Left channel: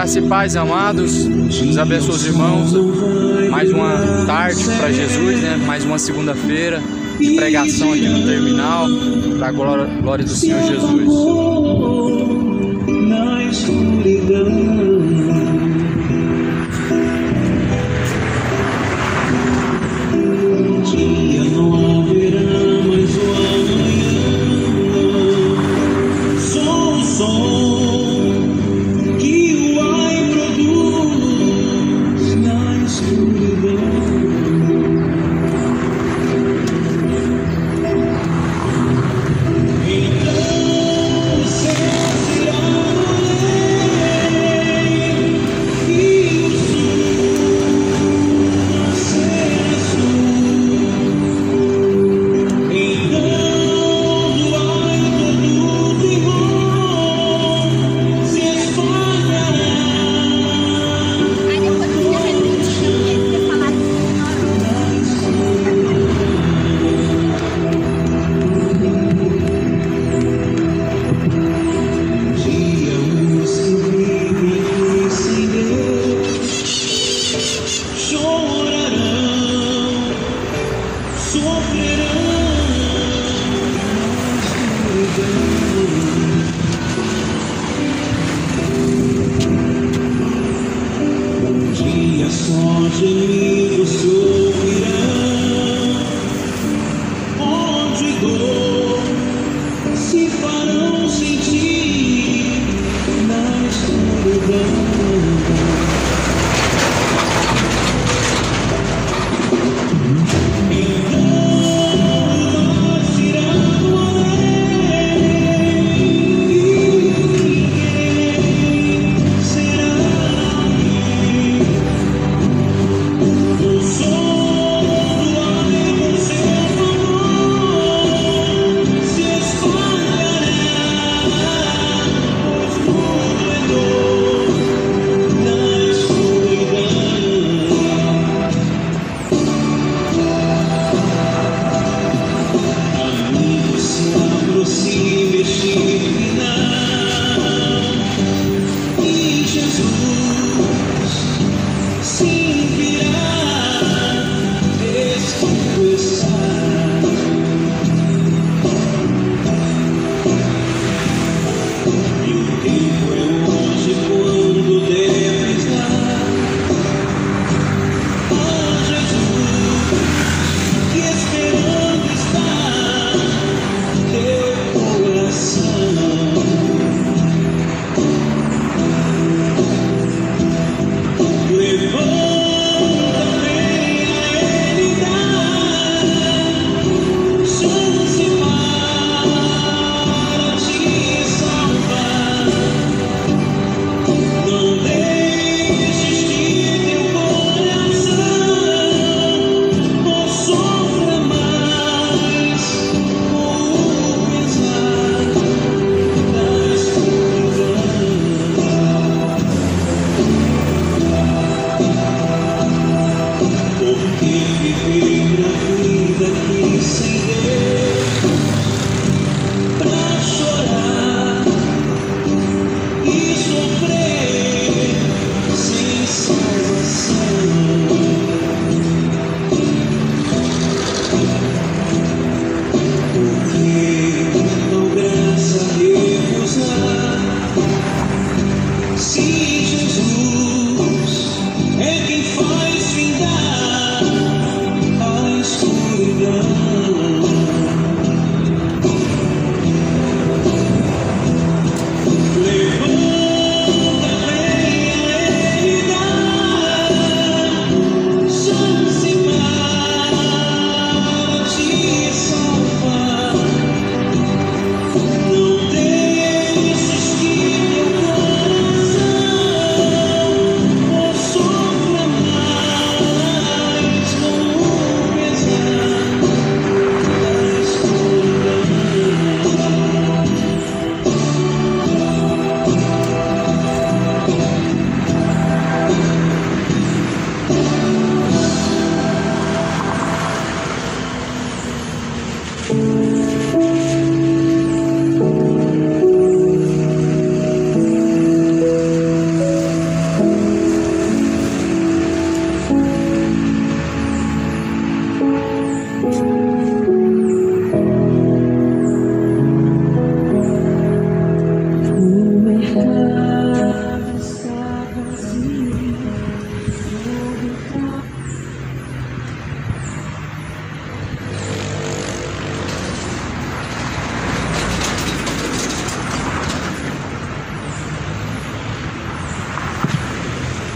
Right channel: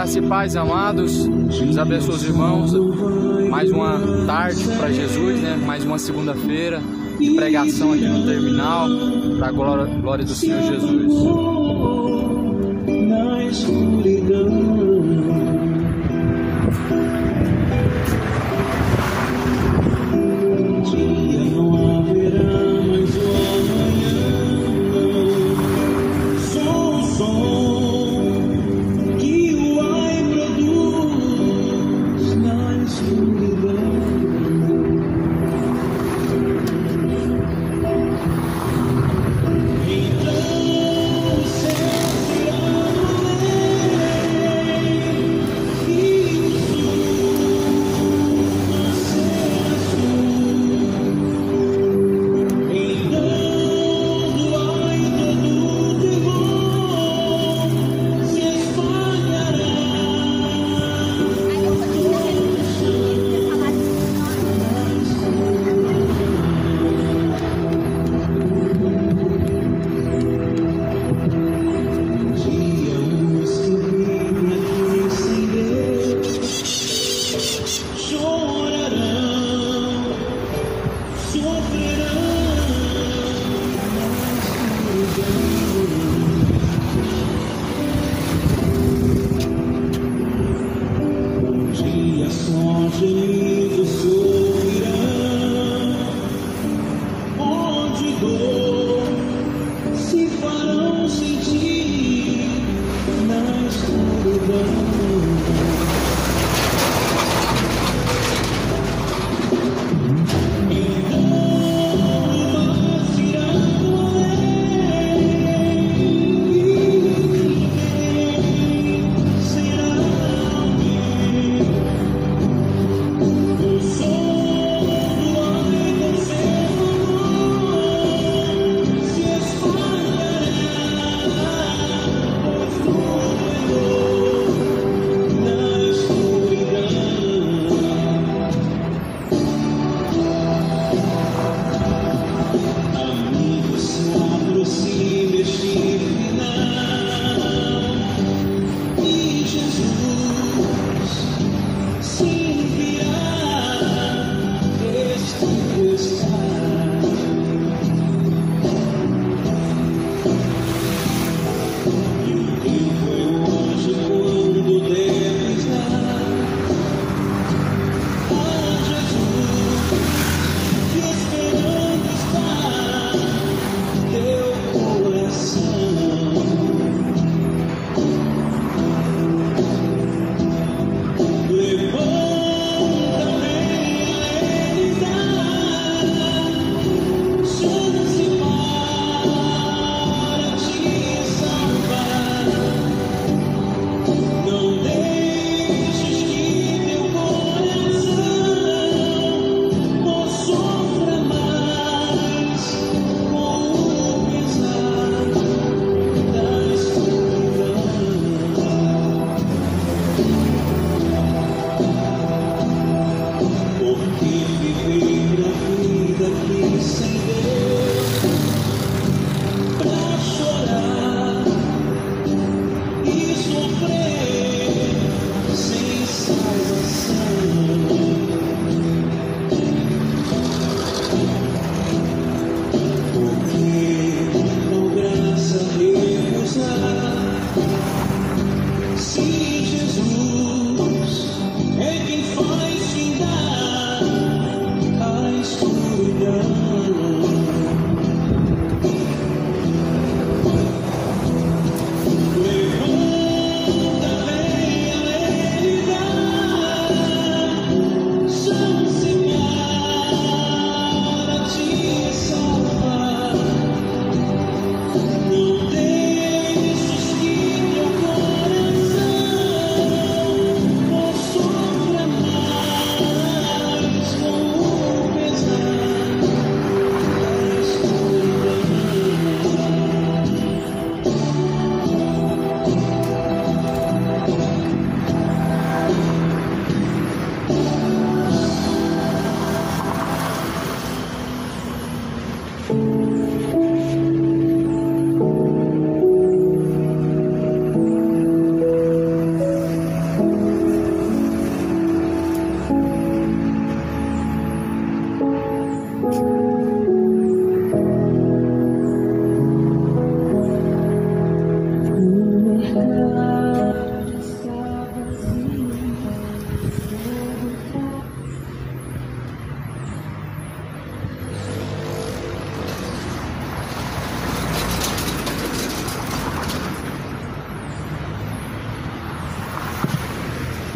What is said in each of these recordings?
Graça e paz, amados. Deus abençoe os irmãos. Mais uma tarde para Jesus, né? Mais uma segunda-feira de pregação aqui no terminal, para a glória do Senhor Jesus.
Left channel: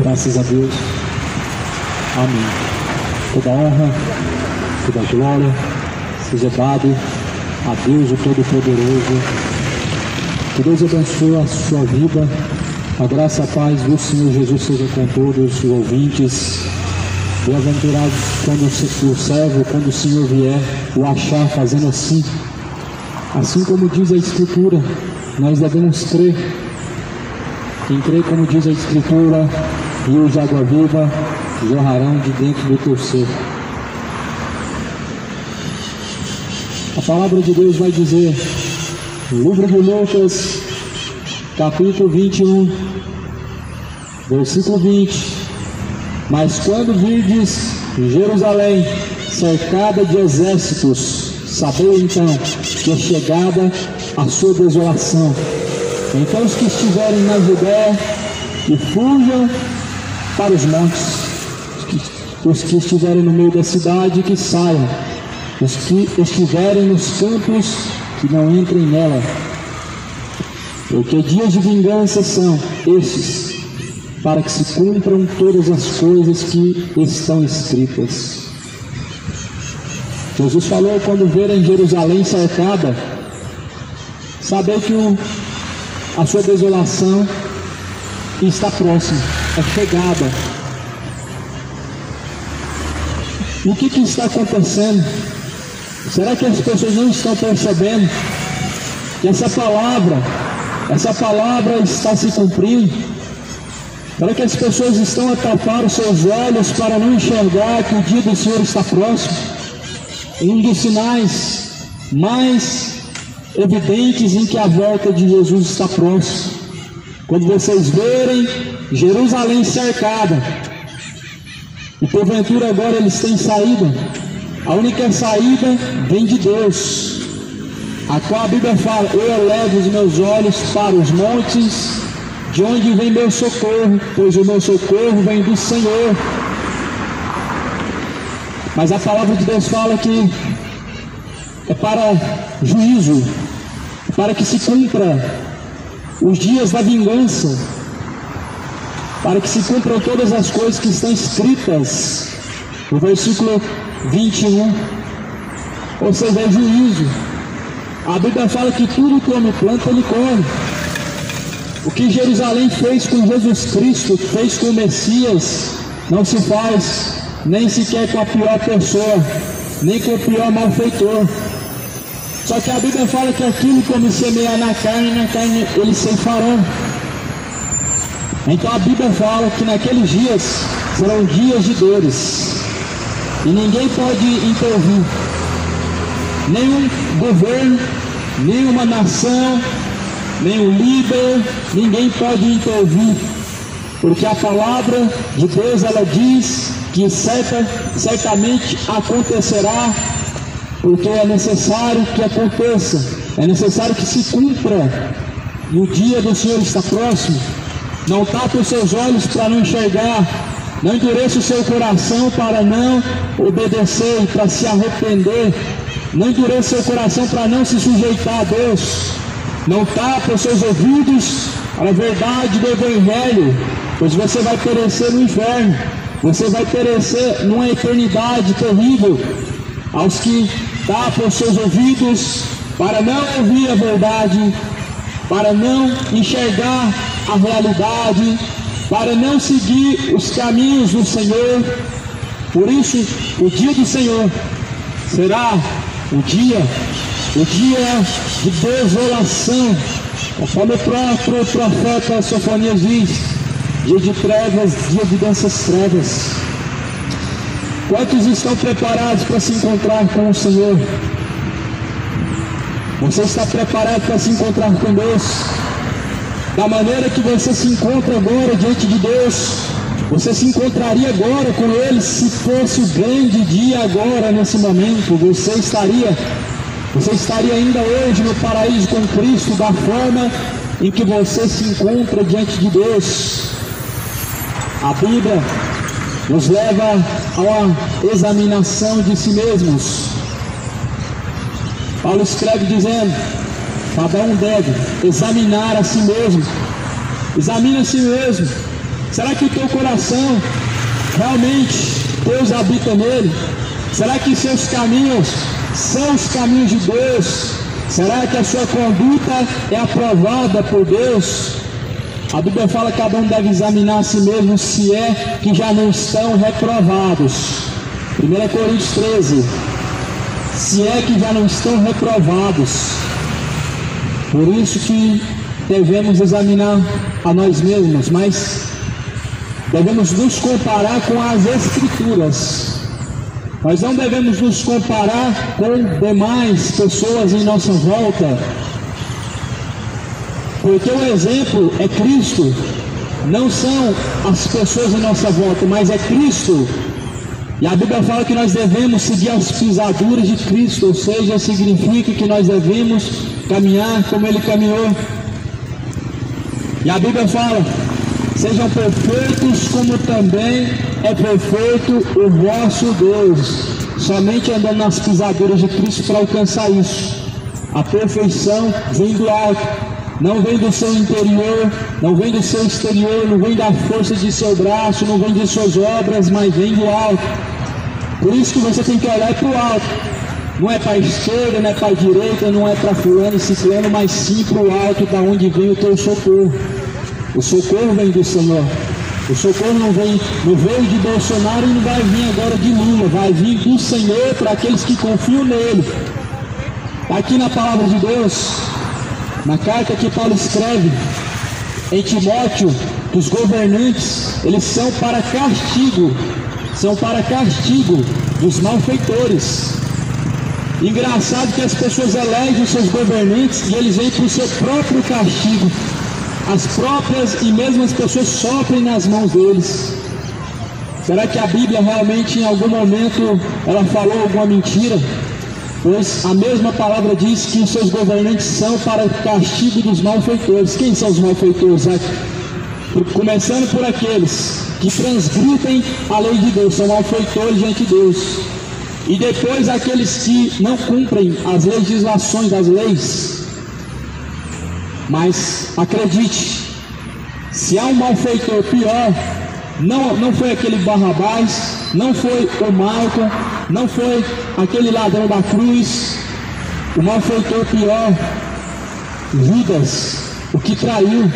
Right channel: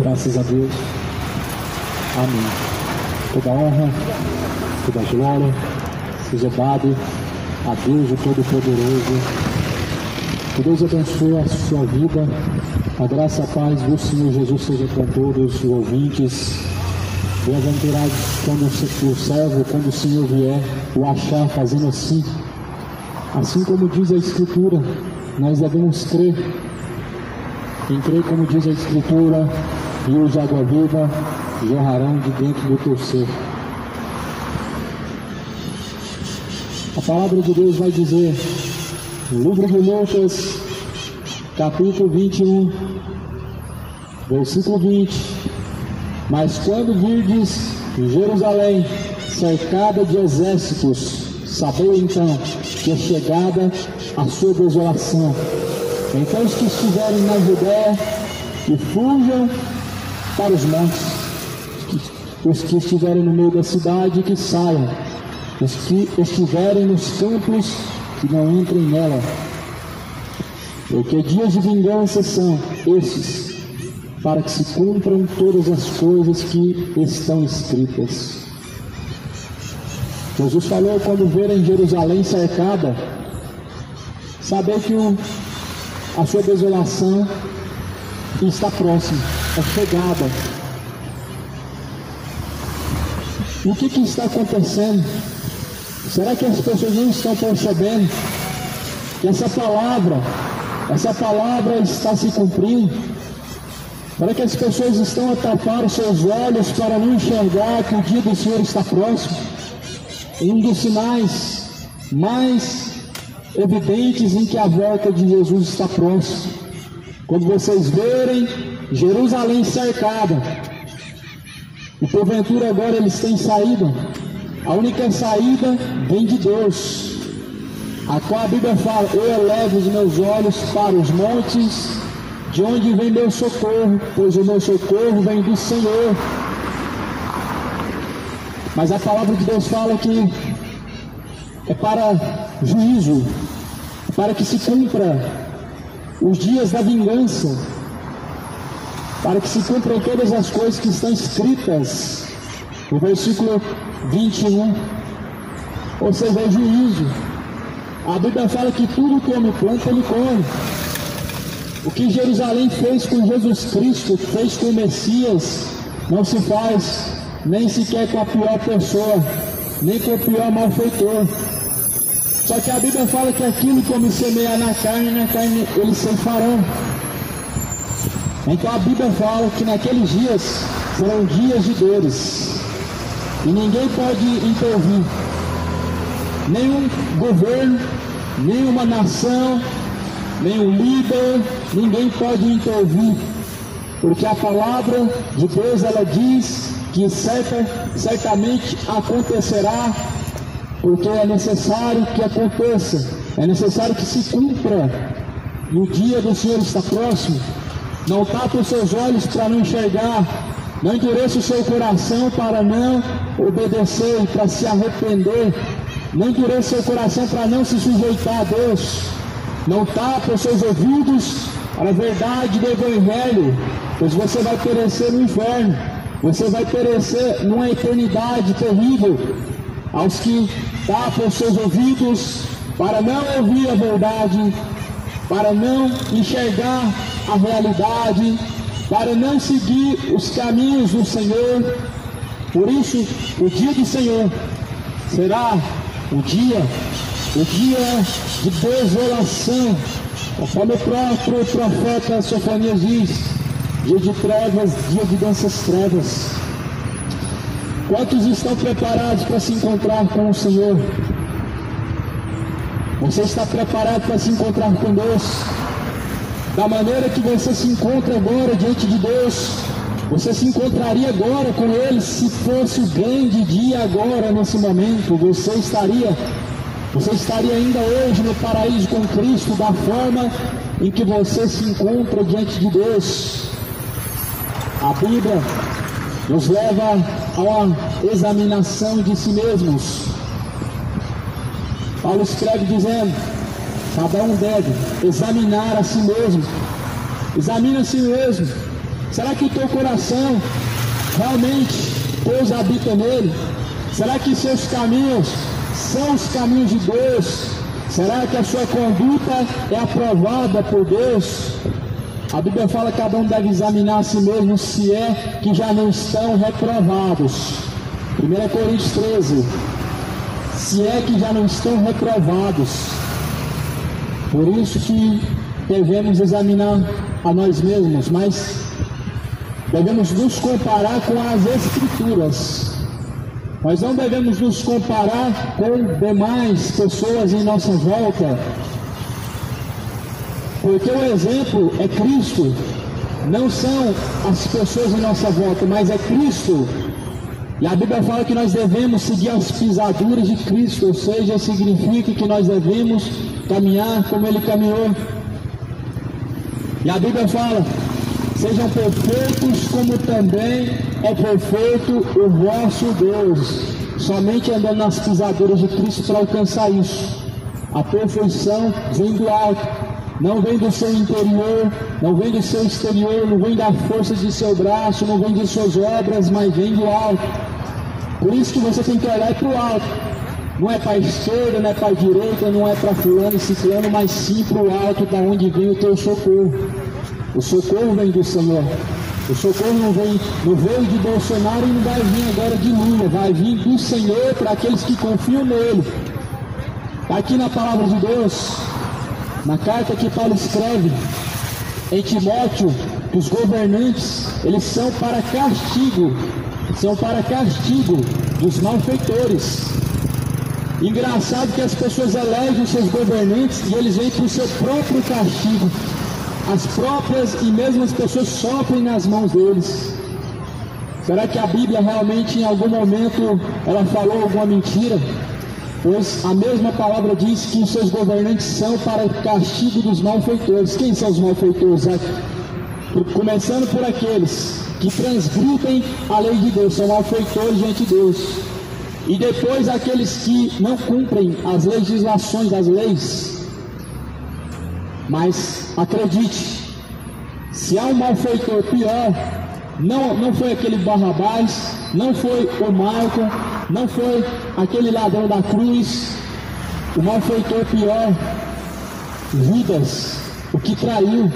Graças a Deus. Amém. Toda honra, toda glória seja dado a Deus, o Todo-Poderoso. Que Deus abençoe a sua vida. A graça e a paz do Senhor Jesus seja com todos os ouvintes. Bem-aventurados quando o servo, quando o Senhor vier, o achar fazendo assim. Assim como diz a Escritura, nós devemos crer. Quem crê, como diz a Escritura, rios de água viva jorrarão de dentro do teu ser. A palavra de Deus vai dizer, no livro de Lucas, capítulo 21, versículo 20: mas quando virdes Jerusalém cercada de exércitos, sabei então que é chegada a sua desolação. Então os que estiverem na Judéia, que fujam para os montes. Os que estiverem no meio da cidade, que saiam. Os que estiverem nos campos, que não entrem nela. Porque dias de vingança são estes, para que se cumpram todas as coisas que estão escritas. Jesus falou, quando verem Jerusalém cercada, saber que a sua desolação está próxima, é chegada. E o que está acontecendo? Será que as pessoas não estão percebendo que essa palavra está se cumprindo? Será que as pessoas estão a tapar os seus olhos para não enxergar que o dia do Senhor está próximo? Um dos sinais mais evidentes em que a volta de Jesus está próxima. Quando vocês verem Jerusalém cercada, e porventura agora eles têm saída, a única saída vem de Deus, a qual a Bíblia fala, eu elevo os meus olhos para os montes, de onde vem meu socorro, pois o meu socorro vem do Senhor. Mas a palavra de Deus fala que é para juízo, para que se cumpra os dias da vingança, para que se cumpram todas as coisas que estão escritas no versículo 21, ou seja, é juízo. A Bíblia fala que tudo que o homem planta, ele colhe. O que Jerusalém fez com Jesus Cristo, fez com o Messias, não se faz nem sequer com a pior pessoa, nem com o pior malfeitor. Só que a Bíblia fala que aquilo que homem semear na carne eles ceifarão. Então a Bíblia fala que naqueles dias serão dias de dores, e ninguém pode intervir, nenhum governo, nenhuma nação, nenhum líder, ninguém pode intervir, porque a palavra de Deus, ela diz que certamente acontecerá, porque é necessário que aconteça, é necessário que se cumpra, e o dia do Senhor está próximo. Não tape os seus olhos para não enxergar, não endureça o seu coração para não obedecer e para se arrepender, não endureça o seu coração para não se sujeitar a Deus, não tape os seus ouvidos para a verdade do Evangelho, pois você vai perecer no inferno, você vai perecer numa eternidade terrível. Aos que tapam os seus ouvidos para não ouvir a verdade, para não enxergar a realidade, para não seguir os caminhos do Senhor. Por isso, o dia do Senhor será o dia de desolação, conforme o próprio profeta Sofonias diz, dia de trevas, dia de densas trevas. Quantos estão preparados para se encontrar com o Senhor? Você está preparado para se encontrar com Deus? Da maneira que você se encontra agora diante de Deus, você se encontraria agora com Ele se fosse o grande dia agora, nesse momento. Você estaria ainda hoje no paraíso com Cristo, da forma em que você se encontra diante de Deus. A Bíblia nos leva a uma examinação de si mesmos. Paulo escreve dizendo, cada um deve examinar a si mesmo. Examine a si mesmo. Será que o teu coração realmente Deus habita nele? Será que seus caminhos são os caminhos de Deus? Será que a sua conduta é aprovada por Deus? A Bíblia fala que cada um deve examinar a si mesmo se é que já não estão reprovados. 1 Coríntios 13. Se é que já não estão reprovados. Por isso que devemos examinar a nós mesmos, mas devemos nos comparar com as Escrituras. Nós não devemos nos comparar com demais pessoas em nossa volta, porque o exemplo é Cristo, não são as pessoas em nossa volta, mas é Cristo. E a Bíblia fala que nós devemos seguir as pisaduras de Cristo, ou seja, significa que nós devemos caminhar como Ele caminhou. E a Bíblia fala: sejam perfeitos como também é perfeito o vosso Deus. Somente andando nas pisaduras de Cristo para alcançar isso. A perfeição vem do alto, não vem do seu interior, não vem do seu exterior, não vem da força de seu braço, não vem de suas obras, mas vem do alto. Por isso que você tem que olhar para o alto. Não é para a esquerda, não é para a direita, não é para fulano, ciclano, mas sim para o alto, da onde vem o teu socorro. O socorro vem do Senhor. O socorro não veio de Bolsonaro e não vai vir agora de Lula. Vai vir do Senhor para aqueles que confiam nele. Aqui na palavra de Deus, na carta que Paulo escreve em Timóteo, que os governantes, eles são para castigo dos malfeitores. Engraçado que as pessoas elegem os seus governantes e eles vêm para o seu próprio castigo. As próprias e mesmas pessoas sofrem nas mãos deles. Será que a Bíblia realmente em algum momento ela falou alguma mentira? Pois a mesma palavra diz que os seus governantes são para o castigo dos malfeitores. Quem são os malfeitores? Começando por aqueles que transgridem a lei de Deus, são malfeitores diante de Deus. E depois aqueles que não cumprem as legislações das leis. Mas acredite, se há um malfeitor pior, não foi aquele Barrabás, não foi o Malcolm, não foi aquele ladrão da cruz. O malfeitor pior, Judas, o que traiu.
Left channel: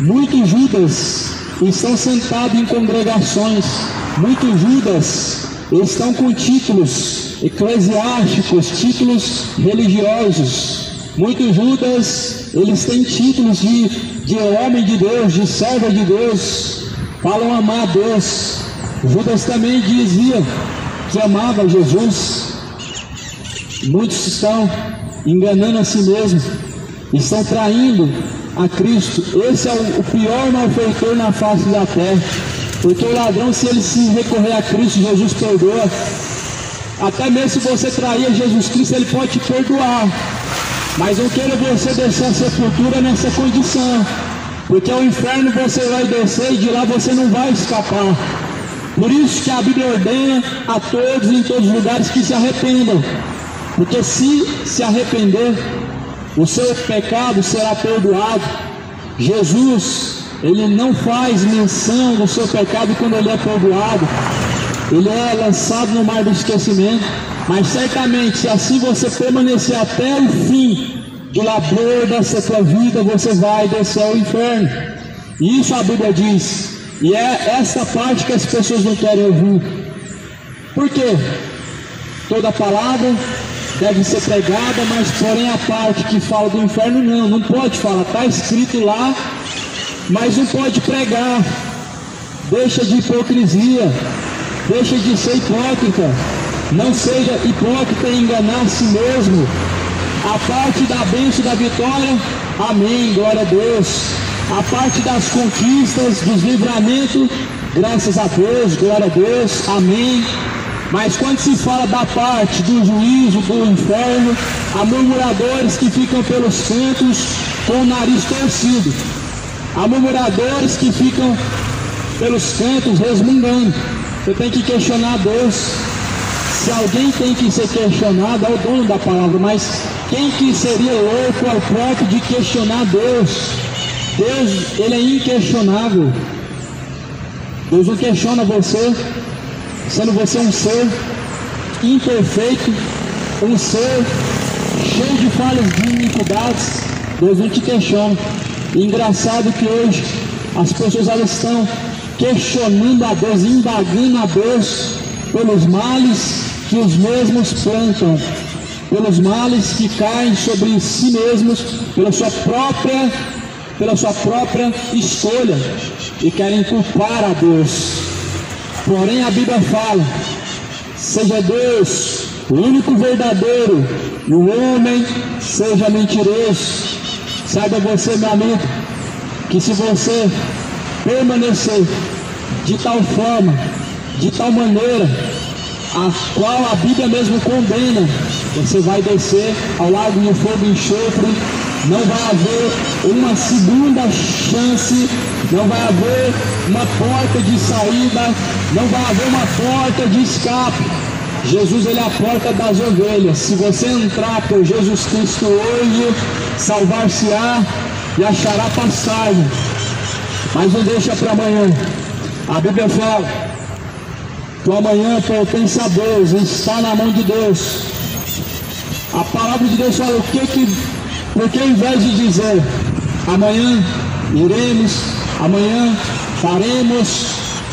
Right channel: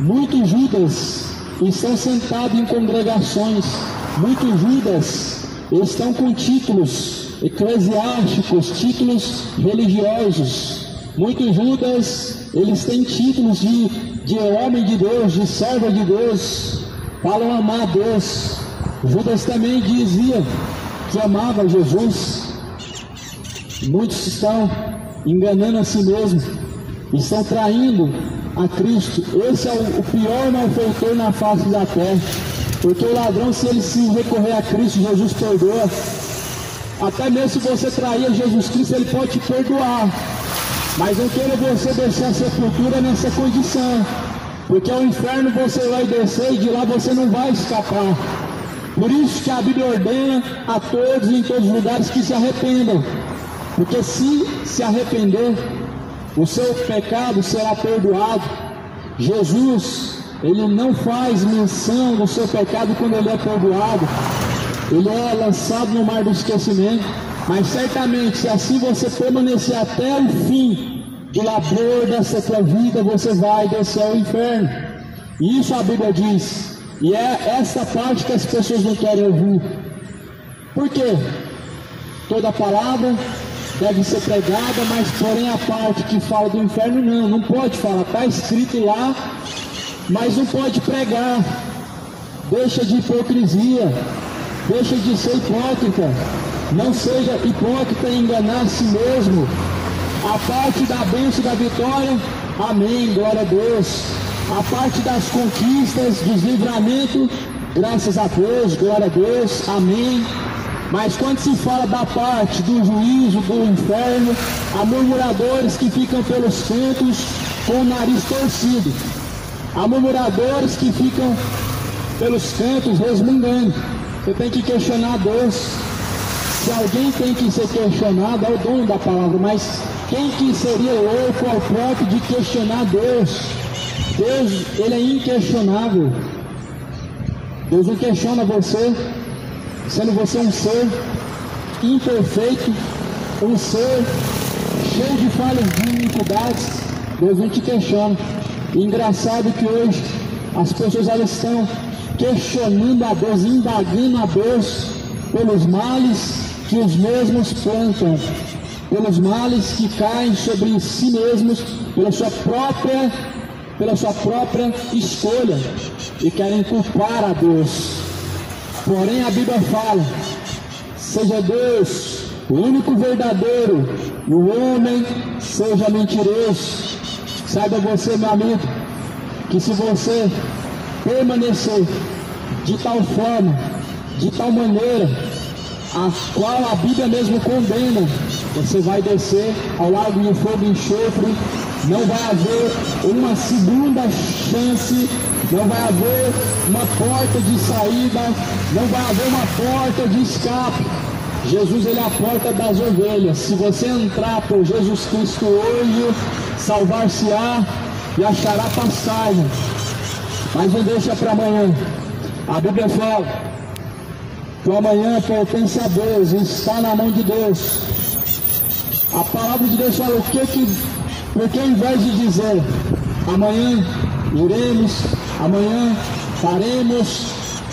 Muitos Judas estão sentados em congregações, muitos Judas estão com títulos eclesiásticos, títulos religiosos. Muitos Judas, eles têm títulos de homem de Deus, de servo de Deus, falam amar a Deus. Judas também dizia que amava Jesus. Muitos estão enganando a si mesmos, estão traindo a Cristo. Esse é o pior malfeitor na face da terra, porque o ladrão, se ele se recorrer a Cristo, Jesus perdoa. Até mesmo se você trair Jesus Cristo, ele pode te perdoar. Mas não queira você descer a sepultura nessa condição, porque ao inferno você vai descer e de lá você não vai escapar. Por isso que a Bíblia ordena a todos em todos os lugares que se arrependam, porque se arrepender, o seu pecado será perdoado. Jesus, ele não faz menção do seu pecado quando ele é perdoado, ele é lançado no mar do esquecimento. Mas certamente, se assim você permanecer até o fim do labor dessa tua vida, você vai descer ao inferno. E isso a Bíblia diz. E é essa parte que as pessoas não querem ouvir. Por quê? Toda palavra deve ser pregada, mas porém a parte que fala do inferno não pode falar. Está escrito lá, mas não pode pregar. Deixa de hipocrisia, deixa de ser hipócrita. Não seja hipócrita e enganar a si mesmo. A parte da bênção da vitória, amém, glória a Deus. A parte das conquistas, dos livramentos, graças a Deus, glória a Deus, amém. Mas quando se fala da parte do juízo, do inferno, há murmuradores que ficam pelos cantos com o nariz torcido. Há murmuradores que ficam pelos cantos resmungando. Você tem que questionar Deus. Se alguém tem que ser questionado, é o dono da palavra, mas quem que seria louco ao ponto de questionar Deus? Deus, ele é inquestionável. Deus não questiona você, sendo você um ser imperfeito, um ser cheio de falhas, de iniquidades. Deus não te questiona. E engraçado que hoje as pessoas elas estão questionando a Deus, indagando a Deus pelos males que os mesmos plantam, pelos males que caem sobre si mesmos, pela sua própria escolha, e querem culpar a Deus. Porém a Bíblia fala: seja Deus o único verdadeiro e o homem seja mentiroso. Saiba você, meu amigo, que se você permanecer de tal forma, de tal maneira, a qual a Bíblia mesmo condena, você vai descer ao lago de fogo e enxofre. Não vai haver uma segunda chance, não vai haver uma porta de saída, não vai haver uma porta de escape. Jesus, ele é a porta das ovelhas. Se você entrar por Jesus Cristo hoje, salvar-se-á e achará passagem. Mas não deixa para amanhã. A Bíblia fala que o amanhã pertence a Deus, está na mão de Deus. A palavra de Deus fala porque ao invés de dizer amanhã iremos, amanhã faremos,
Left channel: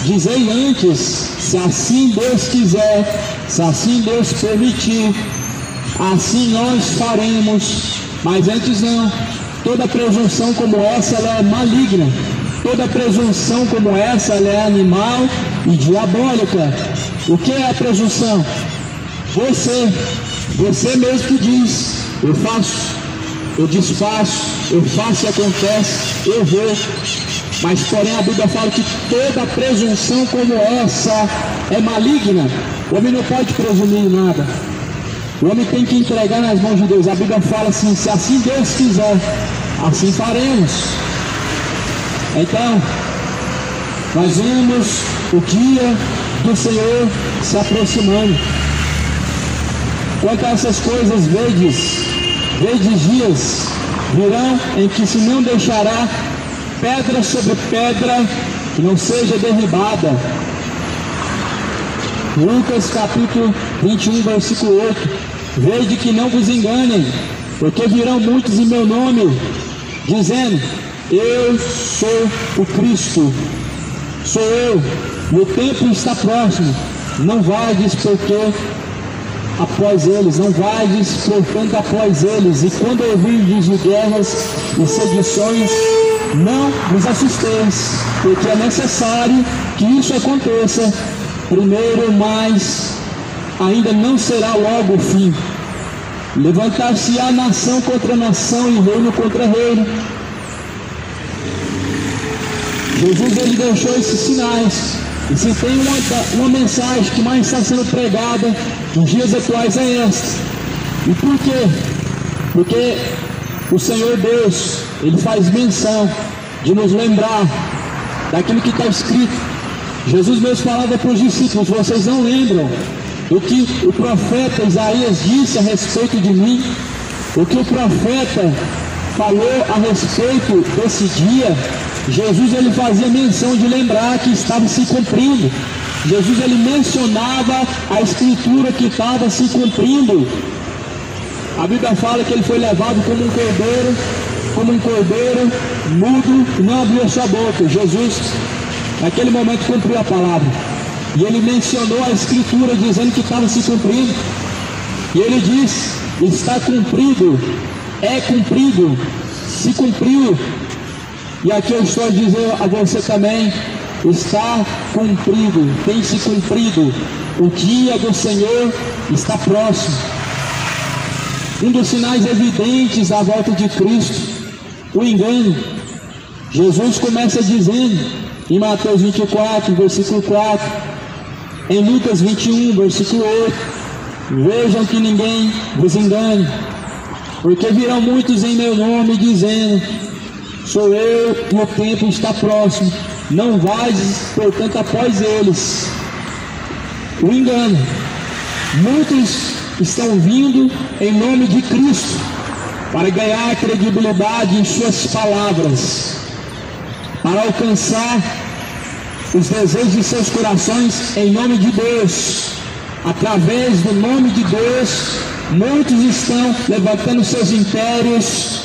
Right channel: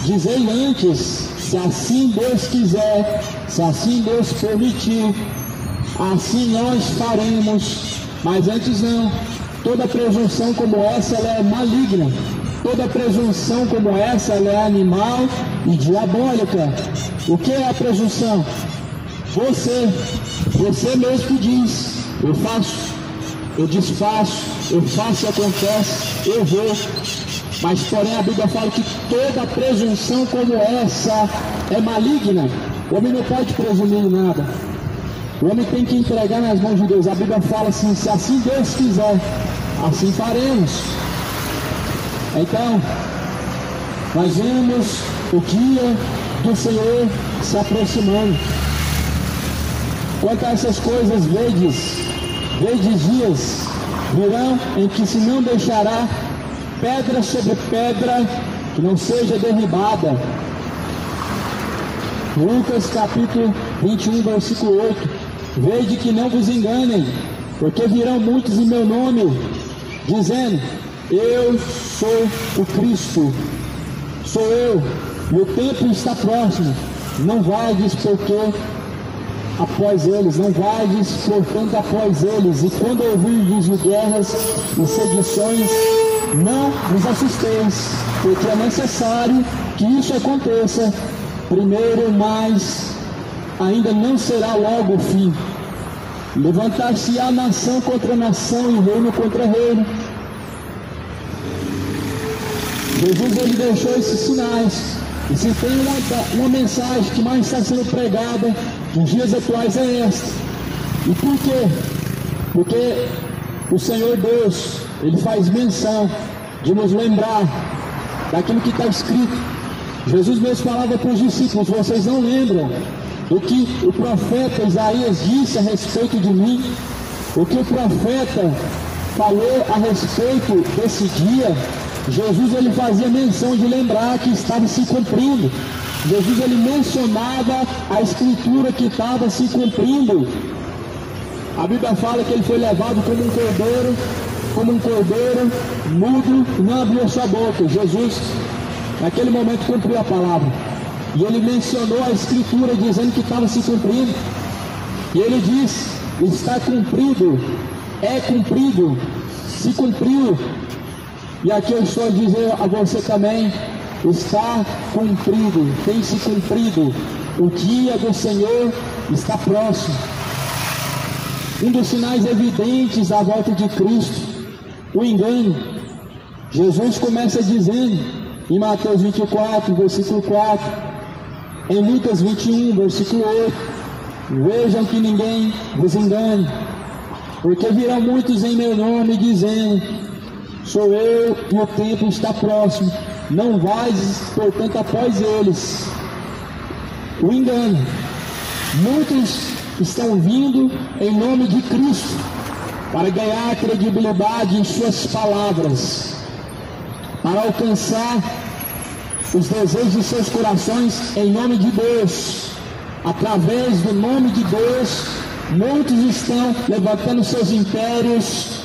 dizei antes, se assim Deus quiser, se assim Deus permitir, assim nós faremos. Mas antes não. Toda presunção como essa ela é maligna. Toda presunção como essa ela é animal e diabólica. O que é a presunção? Você mesmo diz: eu faço, eu desfaço, eu faço e acontece, eu vou. Mas porém a Bíblia fala que toda presunção como essa é maligna. O homem não pode presumir nada. O homem tem que entregar nas mãos de Deus. A Bíblia fala assim: se assim Deus quiser, assim faremos. Então, nós vemos o dia do Senhor se aproximando. Quanto a essas coisas, vedes dias virão em que se não deixará pedra sobre pedra que não seja derribada. Lucas capítulo 21, versículo 8. Vede que não vos enganem, porque virão muitos em meu nome, dizendo: eu sou o Cristo, sou eu, e o tempo está próximo. Não vades porque após eles, não vades portanto após eles, e quando ouvirdes de guerras e sedições, não vos assusteis, porque é necessário que isso aconteça primeiro, mas ainda não será logo o fim. Levantar-se-á nação contra nação e reino contra reino. Jesus ele deixou esses sinais. E se tem uma mensagem que mais está sendo pregada nos dias atuais é esta. E por quê? Porque o Senhor Deus, ele faz menção de nos lembrar daquilo que está escrito. Jesus mesmo falava para os discípulos: vocês não lembram o que o profeta Isaías disse a respeito de mim? O que o profeta falou a respeito desse dia? Jesus ele fazia menção de lembrar que estava se cumprindo. Jesus ele mencionava a escritura que estava se cumprindo. A Bíblia fala que ele foi levado como um cordeiro mudo e não abriu sua boca. Jesus naquele momento cumpriu a palavra. E ele mencionou a escritura dizendo que estava se cumprindo. E ele diz: está cumprido, é cumprido, se cumpriu. E aqui eu estou a dizer a você também: está cumprido, tem se cumprido. O dia do Senhor está próximo. Um dos sinais evidentes da volta de Cristo, o engano. Jesus começa dizendo em Mateus 24, versículo 4, em Lucas 21, versículo 8: vejam que ninguém vos engane, porque virão muitos em meu nome dizendo: sou eu, e o tempo está próximo. Não vais, portanto, após eles. O engano. Muitos estão vindo em nome de Cristo para ganhar credibilidade em suas palavras, para alcançar os desejos de seus corações em nome de Deus. Através do nome de Deus, muitos estão levantando seus impérios,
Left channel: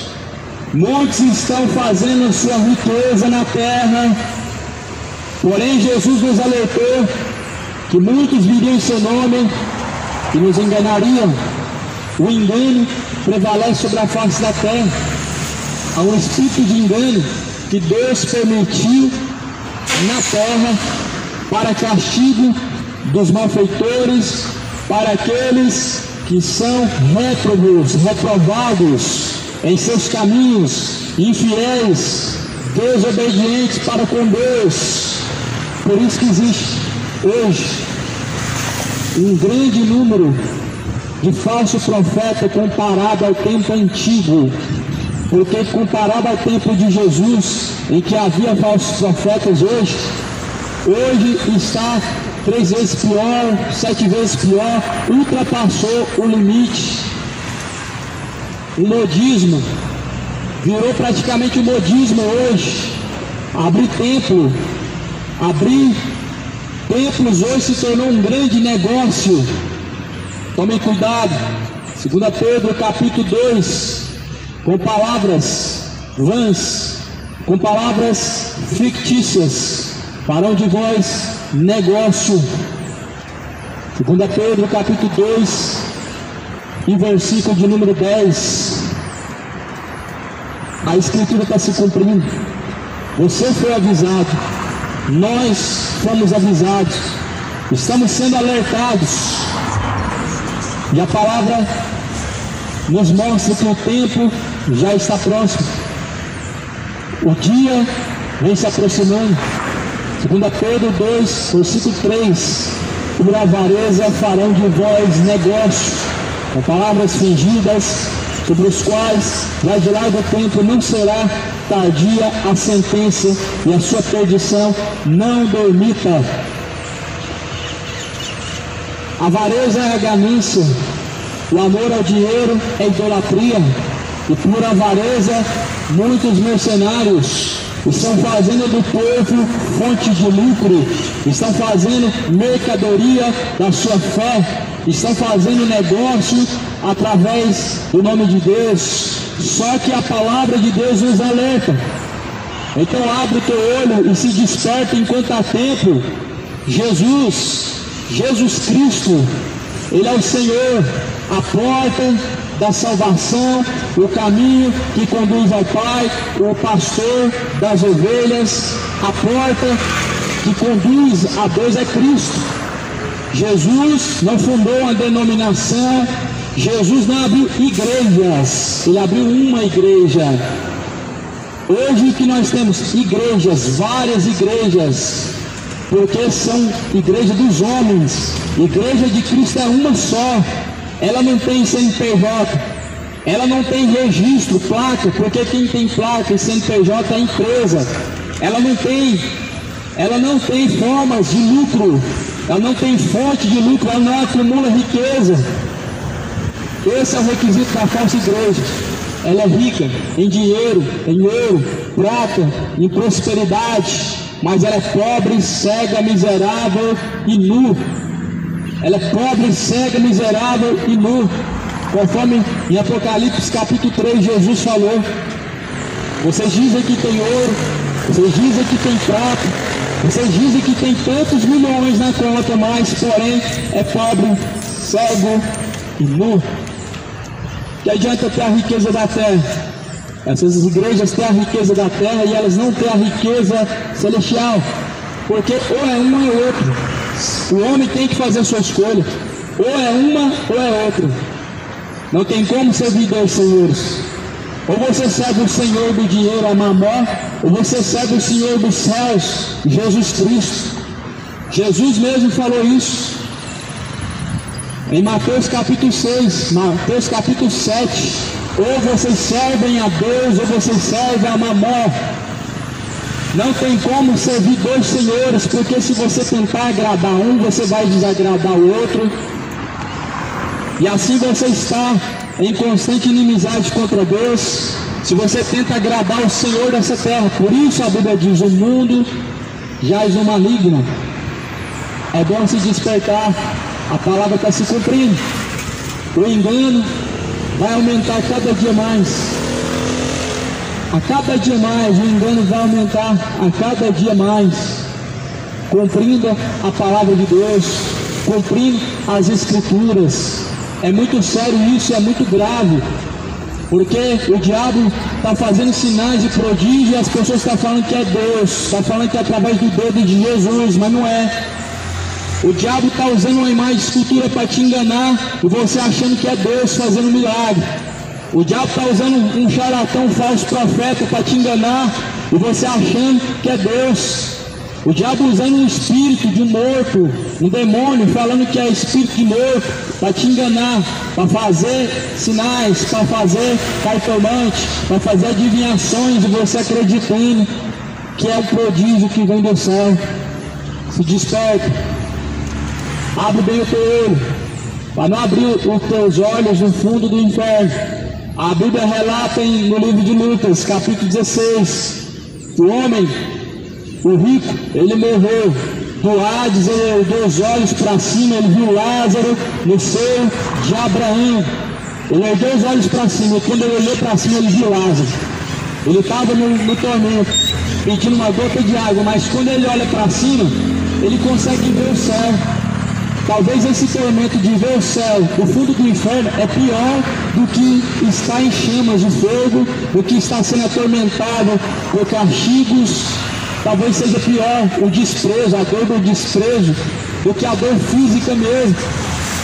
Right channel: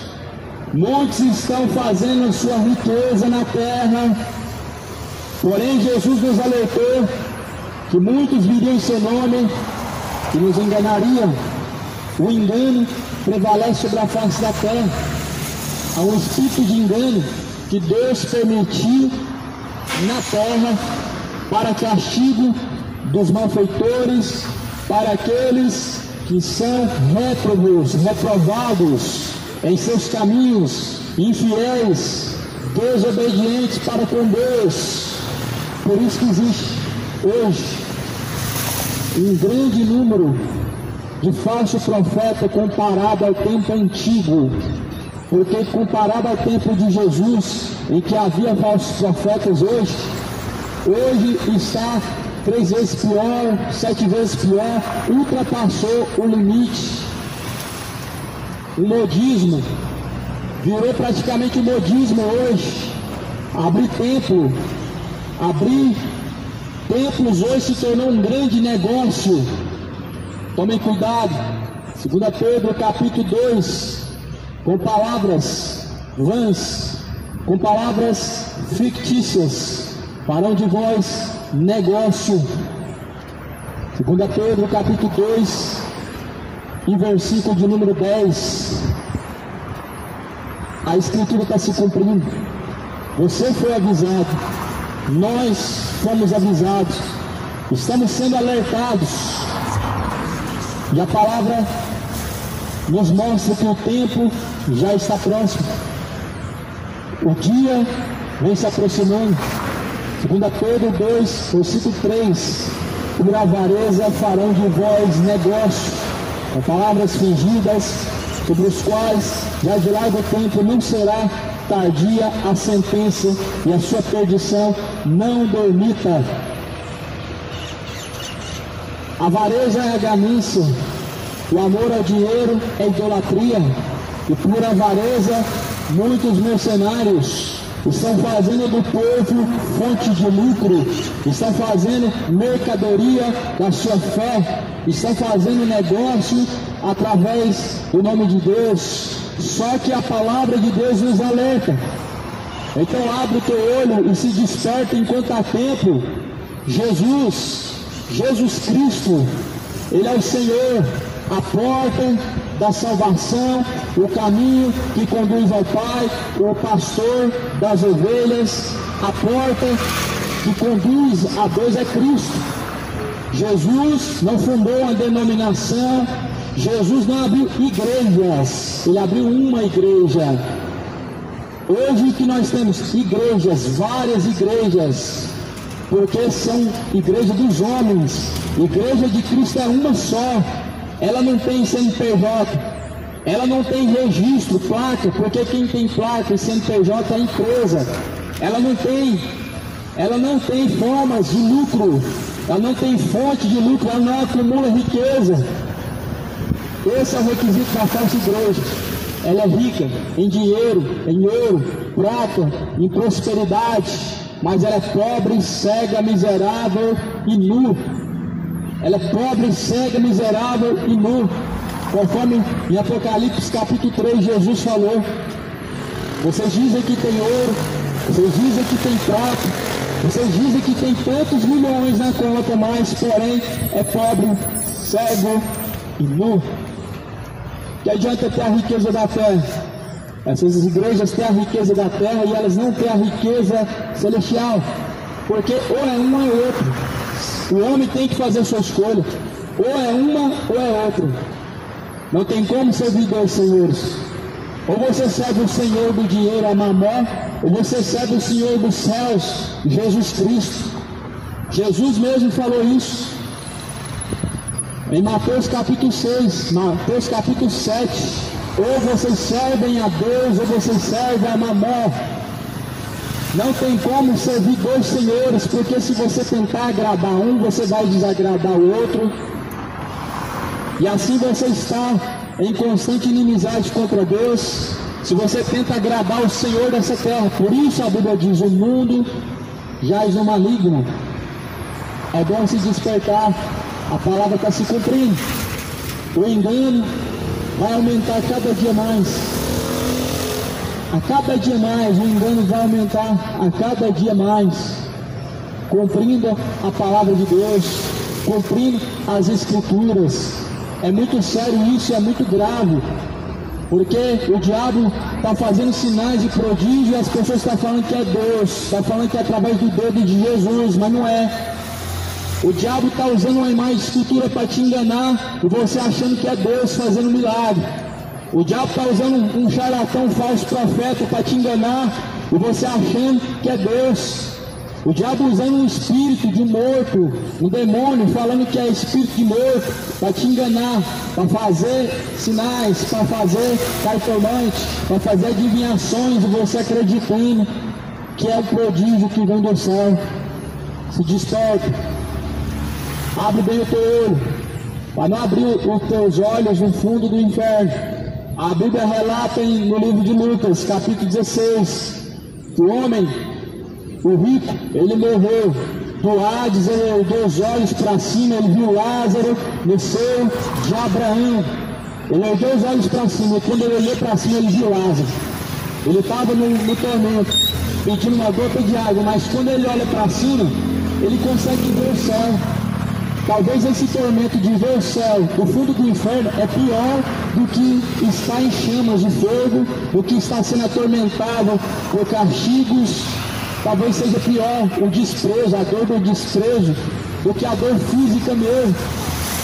muitos estão fazendo sua riqueza na terra. Porém, Jesus nos alertou que muitos viriam em seu nome e nos enganariam. O engano prevalece sobre a face da terra. Há um espírito de engano que Deus permitiu na terra para castigo dos malfeitores, para aqueles que são réprobos, reprovados em seus caminhos, infiéis, desobedientes para com Deus. Por isso que existe hoje um grande número de falsos profetas comparado ao tempo antigo, porque comparado ao tempo de Jesus, em que havia falsos profetas, hoje está 3 vezes pior, 7 vezes pior, ultrapassou o limite. O modismo virou praticamente o modismo hoje. Abrir templos hoje se tornou um grande negócio. Tomem cuidado. 2 Pedro capítulo 2, com palavras vãs, com palavras fictícias, farão de vós negócio. 2 Pedro capítulo 2 e versículo de número 10. A escritura está se cumprindo. Você foi avisado, nós fomos avisados, estamos sendo alertados, e a palavra nos mostra que o tempo já está próximo. O dia vem se aproximando. 2 Pedro 2, versículo 3: por avareza farão de vós negócio, com palavras fingidas, sobre os quais, lá de largo tempo, não será tardia a sentença, e a sua perdição não dormita. A avareza é a ganância, o amor ao dinheiro é idolatria, e por avareza muitos mercenários estão fazendo do povo fonte de lucro, estão fazendo mercadoria da sua fé, estão fazendo negócio através do nome de Deus. Só que a palavra de Deus nos alerta. Então abre o teu olho e se desperta enquanto há tempo. Jesus Cristo, Ele é o Senhor, a porta da salvação, o caminho que conduz ao Pai, o pastor das ovelhas, a porta que conduz a Deus é Cristo. Jesus não fundou uma denominação, Jesus não abriu igrejas, Ele abriu uma igreja. Hoje que nós temos igrejas, várias igrejas, porque são igreja dos homens. Igreja de Cristo é uma só. Ela não tem CNPJ, ela não tem registro, placa, porque quem tem placa e CNPJ é empresa. Ela não tem formas de lucro, ela não tem fonte de lucro, ela não acumula riqueza. Esse é o requisito da falsa igreja. Ela é rica em dinheiro, em ouro, prata, em prosperidade, mas ela é pobre, cega, miserável e nu. Ela é pobre, cega, miserável e nu. Conforme em Apocalipse capítulo 3 Jesus falou: vocês dizem que tem ouro, vocês dizem que tem prata, vocês dizem que tem tantos milhões na conta, mas porém é pobre, cego e nu. Que adianta ter a riqueza da terra? Essas igrejas têm a riqueza da terra e elas não têm a riqueza celestial, porque ou é uma ou é outra. O homem tem que fazer a sua escolha, ou é uma ou é outra. Não tem como servir dois senhores. Ou você serve o Senhor do dinheiro, a Mamó, ou você serve o Senhor dos céus, Jesus Cristo. Jesus mesmo falou isso em Mateus capítulo 6, Mateus capítulo 7. Ou vocês servem a Deus, ou vocês servem a Mamó. Não tem como servir dois senhores, porque se você tentar agradar um, você vai desagradar o outro. E assim você está em constante inimizade contra Deus, se você tenta agradar o Senhor dessa terra. Por isso a Bíblia diz: o mundo jaz o maligno. É bom se despertar, a palavra está se cumprindo. O engano vai aumentar cada dia mais. A cada dia mais, o engano vai aumentar a cada dia mais. Cumprindo a palavra de Deus, cumprindo as Escrituras. É muito sério isso, é muito grave. Porque o diabo está fazendo sinais de prodígio e as pessoas estão falando que é Deus, estão falando que é através do dedo de Jesus, mas não é. O diabo está usando uma imagem de escultura para te enganar e você achando que é Deus fazendo milagre. O diabo está usando um charlatão, um falso profeta para te enganar e você achando que é Deus. O diabo usando um espírito de morto, um demônio, falando que é espírito de morto, para te enganar, para fazer sinais, para fazer cartomante, para fazer adivinhações, e você acreditando que é o prodígio que vem do céu. Se desperta, abre bem o teu olho, para não abrir os teus olhos no fundo do inferno. A Bíblia relata no livro de Lucas, capítulo 16, o homem, o rico, ele morreu do Hades, ele ergueu os olhos para cima, ele viu Lázaro no seio de Abraão. Ele ergueu os olhos para cima, e quando ele olhou para cima, ele viu Lázaro. Ele estava no tormento, pedindo uma gota de água, mas quando ele olha para cima, ele consegue ver o céu. Talvez esse tormento de ver o céu, o fundo do inferno, é pior do que estar em chamas de fogo, do que estar sendo atormentado por castigos. Talvez seja pior o desprezo, a dor do desprezo, do que a dor física mesmo.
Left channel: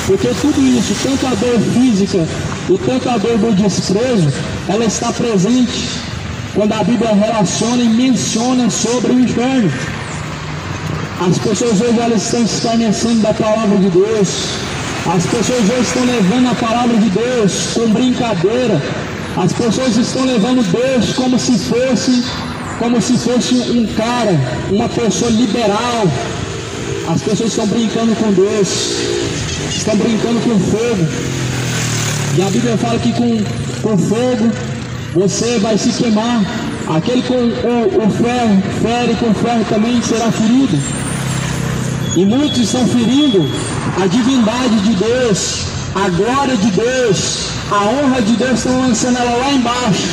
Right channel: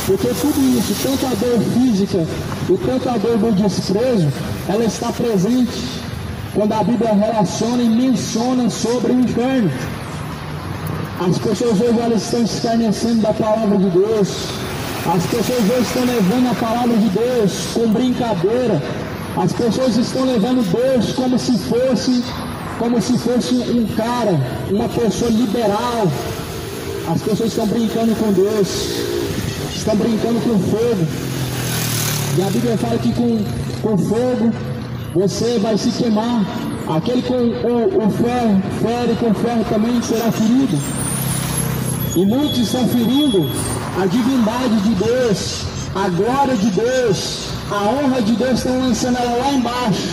Porque tudo isso, tanto a dor física e tanto a dor do desprezo, ela está presente quando a Bíblia relaciona e menciona sobre o inferno. As pessoas hoje elas estão se escarnecendo da palavra de Deus. As pessoas hoje estão levando a palavra de Deus com brincadeira. As pessoas estão levando Deus como se fosse um cara, uma pessoa liberal. As pessoas estão brincando com Deus, estão brincando com fogo. E a Bíblia fala que com fogo você vai se queimar. Aquele com o ferro, fere com ferro também será ferido. E muitos estão ferindo a divindade de Deus, a glória de Deus, a honra de Deus, estão lançando ela lá embaixo.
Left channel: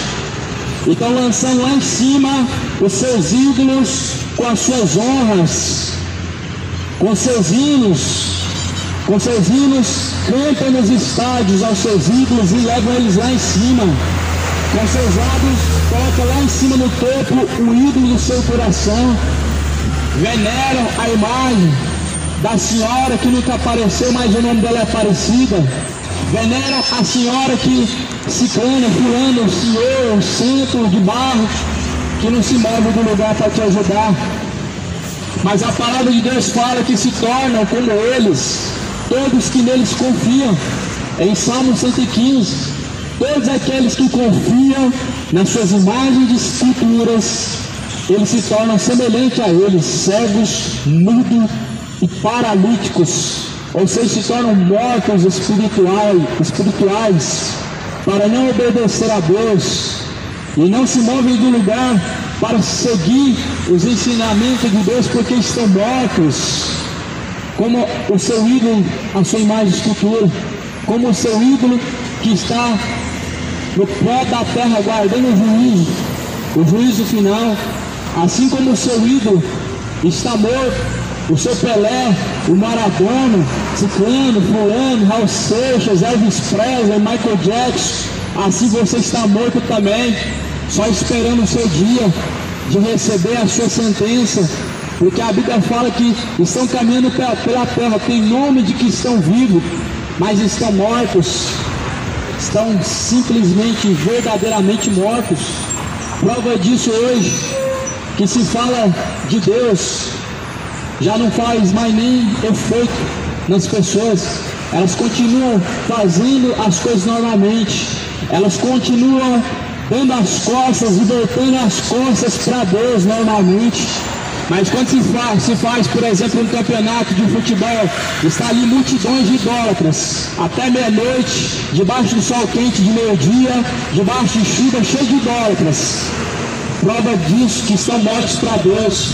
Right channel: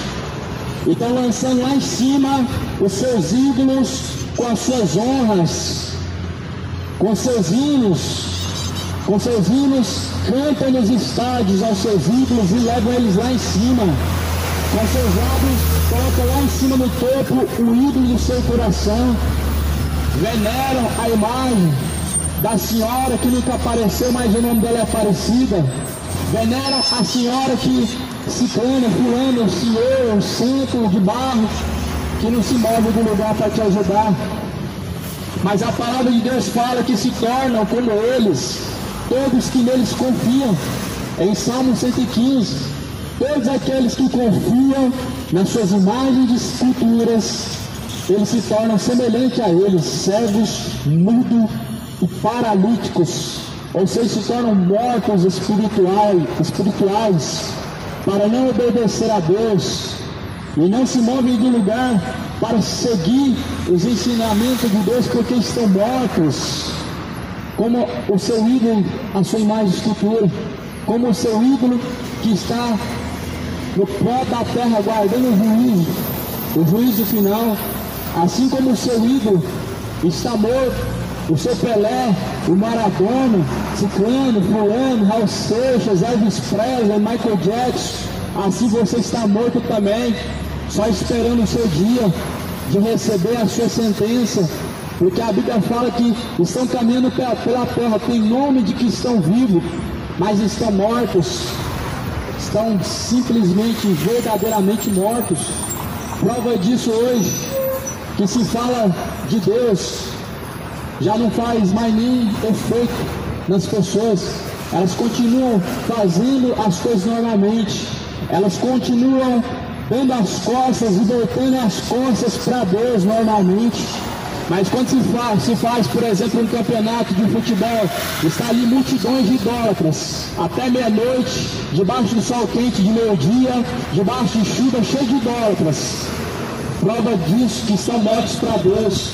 E estão lançando lá em cima os seus ídolos com as suas honras, com seus hinos, cantam nos estádios aos seus ídolos e levam eles lá em cima. Com seus lábios, colocam lá em cima no topo o ídolo do seu coração. Veneram a imagem da senhora que nunca apareceu, mas o nome dela é Aparecida. Veneram a senhora que se cana, fulano, o senhor, o centro de barro, que não se move do lugar para te ajudar. Mas a palavra de Deus fala que se tornam como eles, todos que neles confiam. Em Salmo 115, todos aqueles que confiam nas suas imagens de esculturas, eles se tornam semelhantes a eles, cegos, mudos e paralíticos, ou seja, se tornam mortos espirituais, para não obedecer a Deus, e não se movem do lugar para seguir os ensinamentos de Deus, porque estão mortos, como o seu ídolo, a sua imagem de escultura, como o seu ídolo que está no pé da terra aguardando o juízo final, assim como o seu ídolo está morto, o seu Pelé, o Maradona, Ciclano, Fulano, Raul Seixas, Elvis Presley, Michael Jackson, assim você está morto também, só esperando o seu dia de receber a sua sentença, porque a Bíblia fala que estão caminhando pela terra, tem nome de que estão vivos, mas estão mortos, estão simplesmente, verdadeiramente mortos. Prova disso hoje, que se fala de Deus, já não faz mais nem efeito nas pessoas. Elas continuam fazendo as coisas normalmente, elas continuam dando as costas e voltando as costas para Deus normalmente. Mas quando se faz, por exemplo, um campeonato de futebol, está ali multidões de idólatras, até meia-noite, debaixo do sol quente de meio-dia, debaixo de chuva, cheio de idólatras. Prova disso que são mortos para Deus.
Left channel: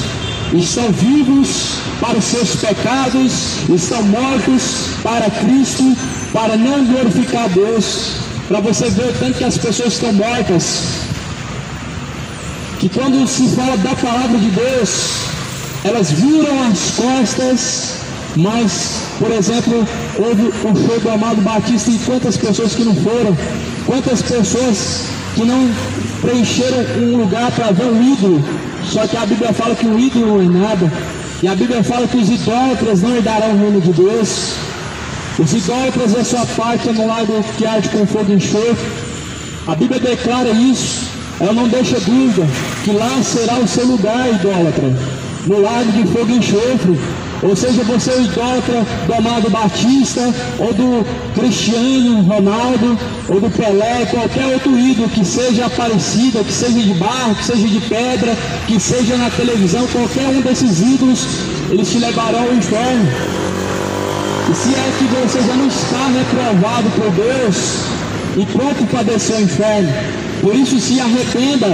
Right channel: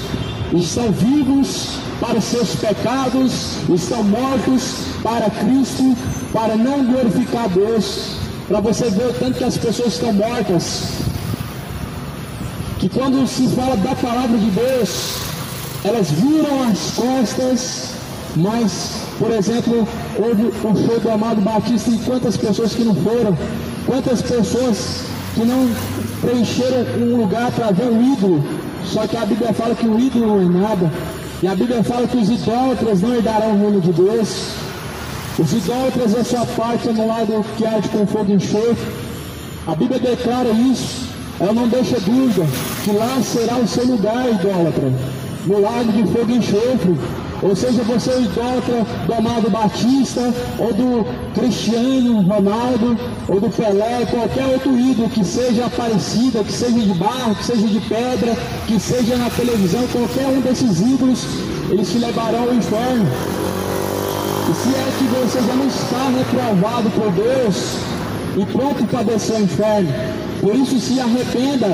estão vivos para os seus pecados, estão mortos para Cristo, para não glorificar Deus. Para você ver o tanto que as pessoas estão mortas, que quando se fala da palavra de Deus, elas viram as costas. Mas, por exemplo, houve o show do Amado Batista e quantas pessoas que não foram, quantas pessoas que não preencheram um lugar para ver o ídolo. Só que a Bíblia fala que o ídolo não é nada, e a Bíblia fala que os idólatras não herdarão o reino de Deus. Os idólatras, a sua parte é no lago que arde com fogo e enxofre. A Bíblia declara isso. Ela não deixa dúvida que lá será o seu lugar, idólatra, no lago de fogo e enxofre. Ou seja, você é o idólatra do Amado Batista, ou do Cristiano Ronaldo, ou do Pelé, qualquer outro ídolo que seja parecido, que seja de barro, que seja de pedra, que seja na televisão, qualquer um desses ídolos, eles te levarão ao inferno. E se é que você já não está reprovado por Deus e pronto para descer ao inferno, por isso se arrependa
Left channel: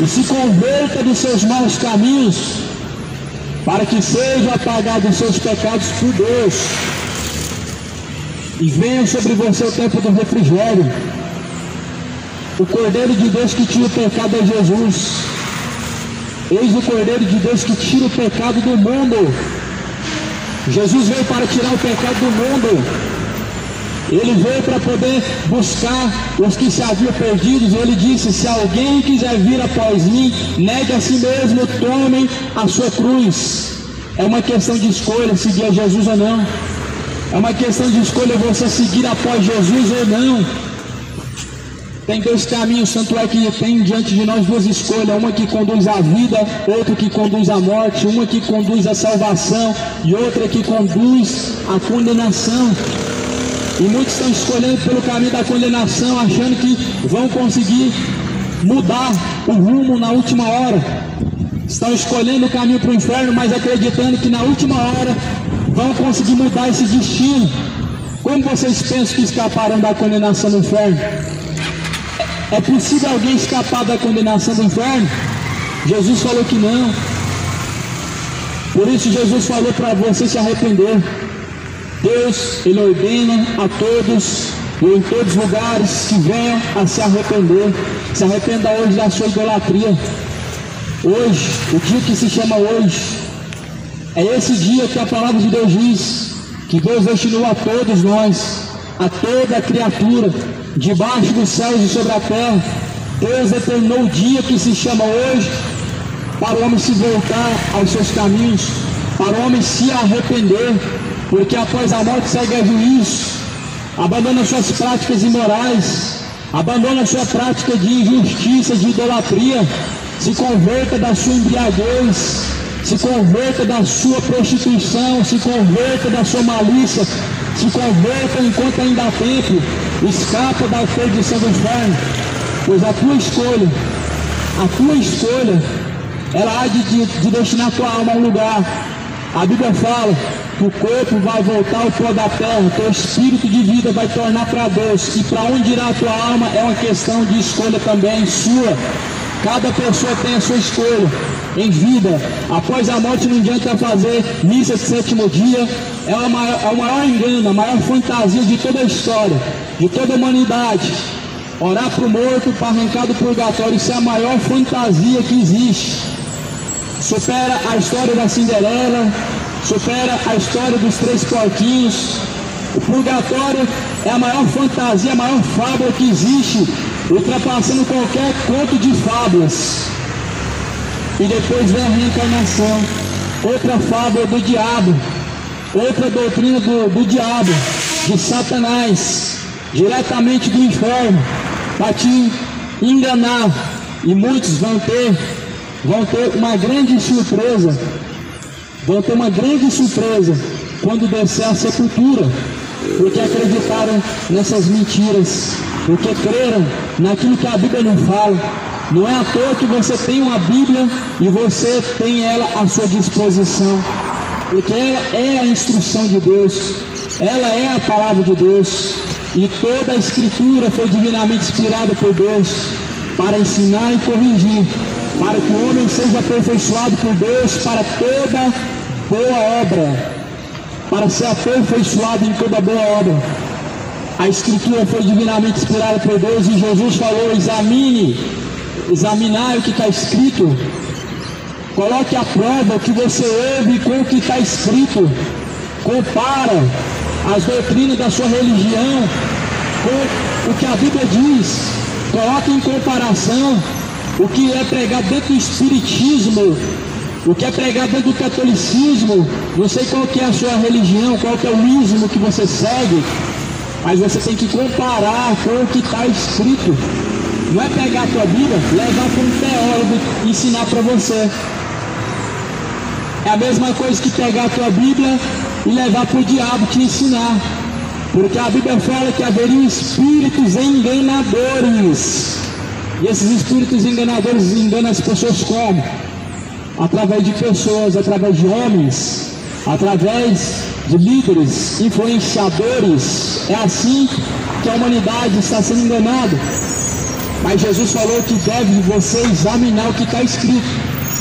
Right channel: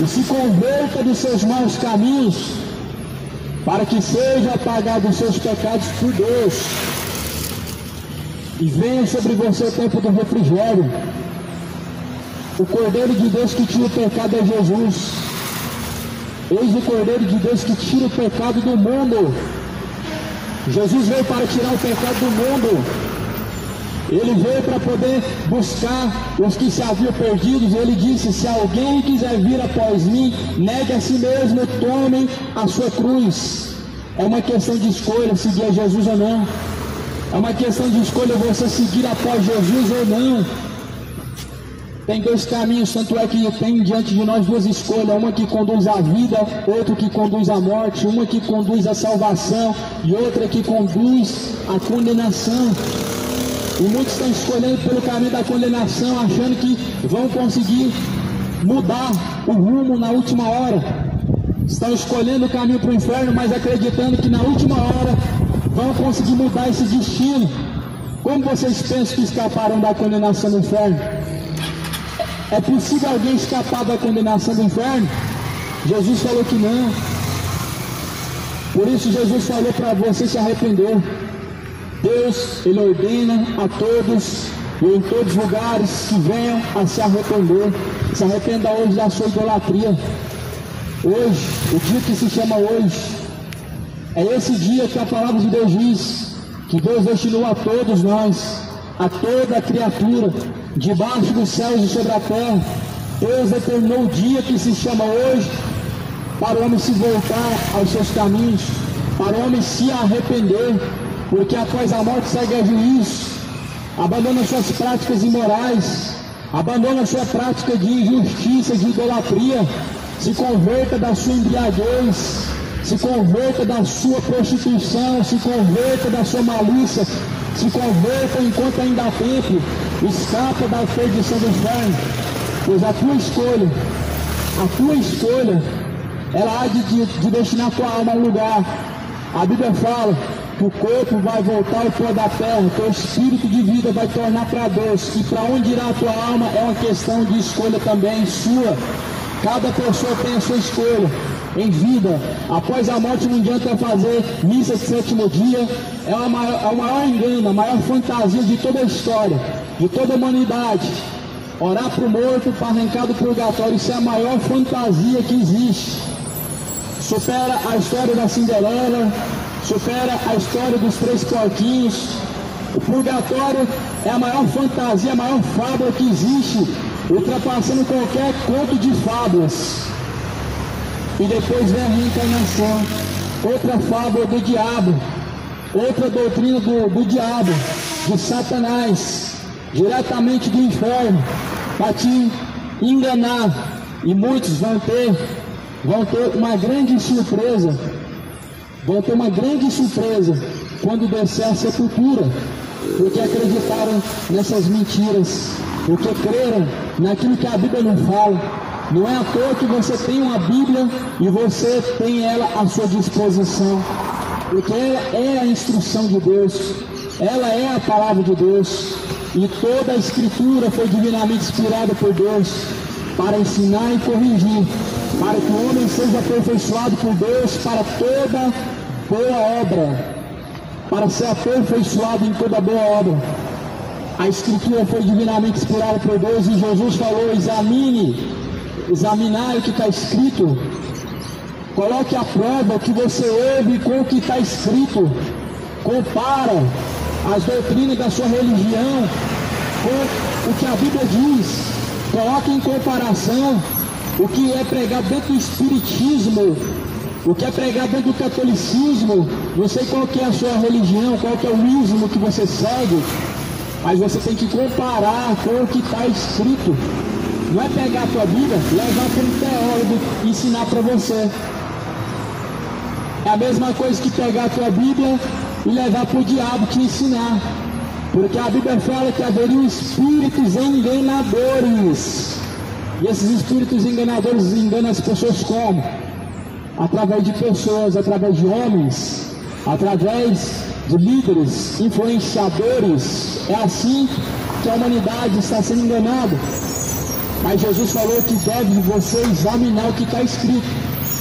e se converta dos seus maus caminhos, para que seja apagado os seus pecados por Deus e venha sobre você o tempo do refrigério. O Cordeiro de Deus que tira o pecado é Jesus. Eis o Cordeiro de Deus que tira o pecado do mundo. Jesus veio para tirar o pecado do mundo. Ele veio para poder buscar os que se haviam perdidos. Ele disse: se alguém quiser vir após mim, negue a si mesmo, tome a sua cruz. É uma questão de escolha seguir a Jesus ou não. É uma questão de escolha você seguir após Jesus ou não. Tem dois caminhos, tanto é que tem diante de nós duas escolhas, uma que conduz à vida, outra que conduz à morte, uma que conduz à salvação e outra que conduz à condenação. E muitos estão escolhendo pelo caminho da condenação, achando que vão conseguir mudar o rumo na última hora. Estão escolhendo o caminho para o inferno, mas acreditando que na última hora vão conseguir mudar esse destino. Como vocês pensam que escaparam da condenação do inferno? É possível alguém escapar da condenação do inferno? Jesus falou que não. Por isso Jesus falou para você se arrepender. Deus, Ele ordena a todos e em todos os lugares que venham a se arrepender. Se arrependa hoje da sua idolatria. Hoje, o dia que se chama hoje, é esse dia que a palavra de Deus diz que Deus destinou a todos nós, a toda a criatura, debaixo dos céus e sobre a terra. Deus determinou o dia que se chama hoje para o homem se voltar aos seus caminhos, para o homem se arrepender, porque após a morte segue a juízo. Abandona suas práticas imorais, abandona sua prática de injustiça, de idolatria, se converta da sua embriaguez, se converta da sua prostituição, se converta da sua malícia, se converta enquanto ainda há tempo, escapa da perdição do inferno, pois a tua escolha, ela há de destinar a tua alma a um lugar. A Bíblia fala que o corpo vai voltar ao pó da terra, teu espírito de vida vai tornar para Deus, e para onde irá a tua alma é uma questão de escolha também sua. Cada pessoa tem a sua escolha em vida. Após a morte não adianta fazer missa de sétimo dia. É o maior engano, a maior fantasia de toda a história, de toda a humanidade. Orar para o morto, para arrancar do purgatório, isso é a maior fantasia que existe. Supera a história da Cinderela, supera a história dos três porquinhos. O purgatório é a maior fantasia, a maior fábula que existe, ultrapassando qualquer conto de fábulas. E depois vem a reencarnação, outra fábula do diabo, outra doutrina do diabo, de Satanás, diretamente do inferno, para te enganar. E muitos vão ter uma grande surpresa, quando descer a sepultura, porque acreditaram nessas mentiras, porque creram naquilo que a Bíblia não fala. Não é à toa que você tem uma Bíblia e você tem ela à sua disposição, porque ela é a instrução de Deus, ela é a palavra de Deus, e toda a Escritura foi divinamente inspirada por Deus para ensinar e corrigir, para que o homem seja aperfeiçoado por Deus para toda boa obra, para ser aperfeiçoado em toda boa obra. A Escritura foi divinamente inspirada por Deus e Jesus falou: examinai o que está escrito, coloque à prova o que você ouve com o que está escrito, compara as doutrinas da sua religião com o que a Bíblia diz, coloque em comparação o que é pregado dentro do Espiritismo, o que é pregado dentro do catolicismo. Não sei qual que é a sua religião, qual que é o ismo que você segue, mas você tem que comparar com o que está escrito. Não é pegar a tua Bíblia, levar para um teólogo e ensinar para você. É a mesma coisa que pegar a tua Bíblia e levar para o diabo te ensinar. Porque a Bíblia fala que haveriam espíritos enganadores. E esses espíritos enganadores enganam as pessoas como? Através de pessoas, através de homens, através de líderes, influenciadores. É assim que a humanidade está sendo enganada. Mas Jesus falou que deve você examinar o que está escrito.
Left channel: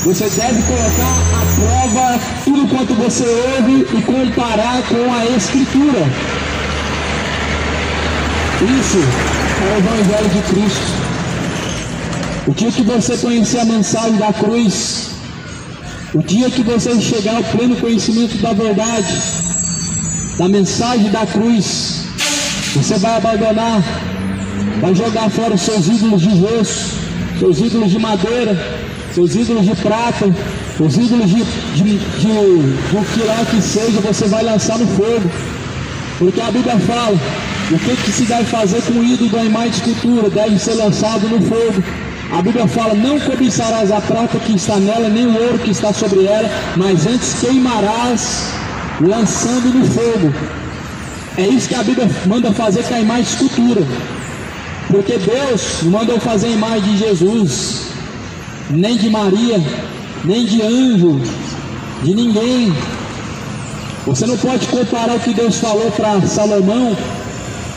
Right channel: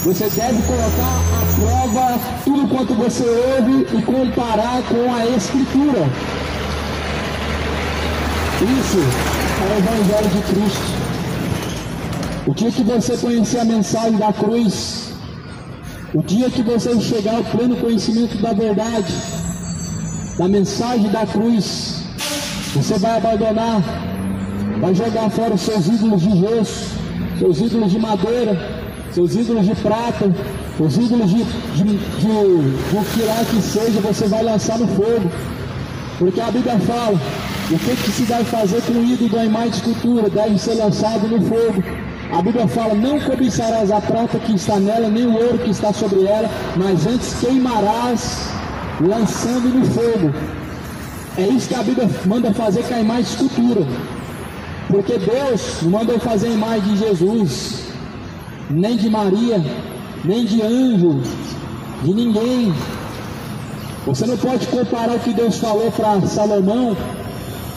Você deve colocar à prova tudo quanto você ouve e comparar com a Escritura. Isso é o Evangelho de Cristo. O dia que você conhecer a mensagem da cruz, o dia que você chegar ao pleno conhecimento da verdade, da mensagem da cruz, você vai abandonar, vai jogar fora os seus ídolos de gesso, seus ídolos de madeira, seus ídolos de prata, os ídolos de o que lá que seja, você vai lançar no fogo. Porque a Bíblia fala, o que se deve fazer com o ídolo da imagem de escultura? Deve ser lançado no fogo. A Bíblia fala, não cobiçarás a prata que está nela, nem o ouro que está sobre ela, mas antes queimarás, lançando no fogo. É isso que a Bíblia manda fazer com a imagem de escultura. Porque Deus não mandou fazer a imagem de Jesus, nem de Maria, nem de anjo, de ninguém. Você não pode comparar o que Deus falou para Salomão,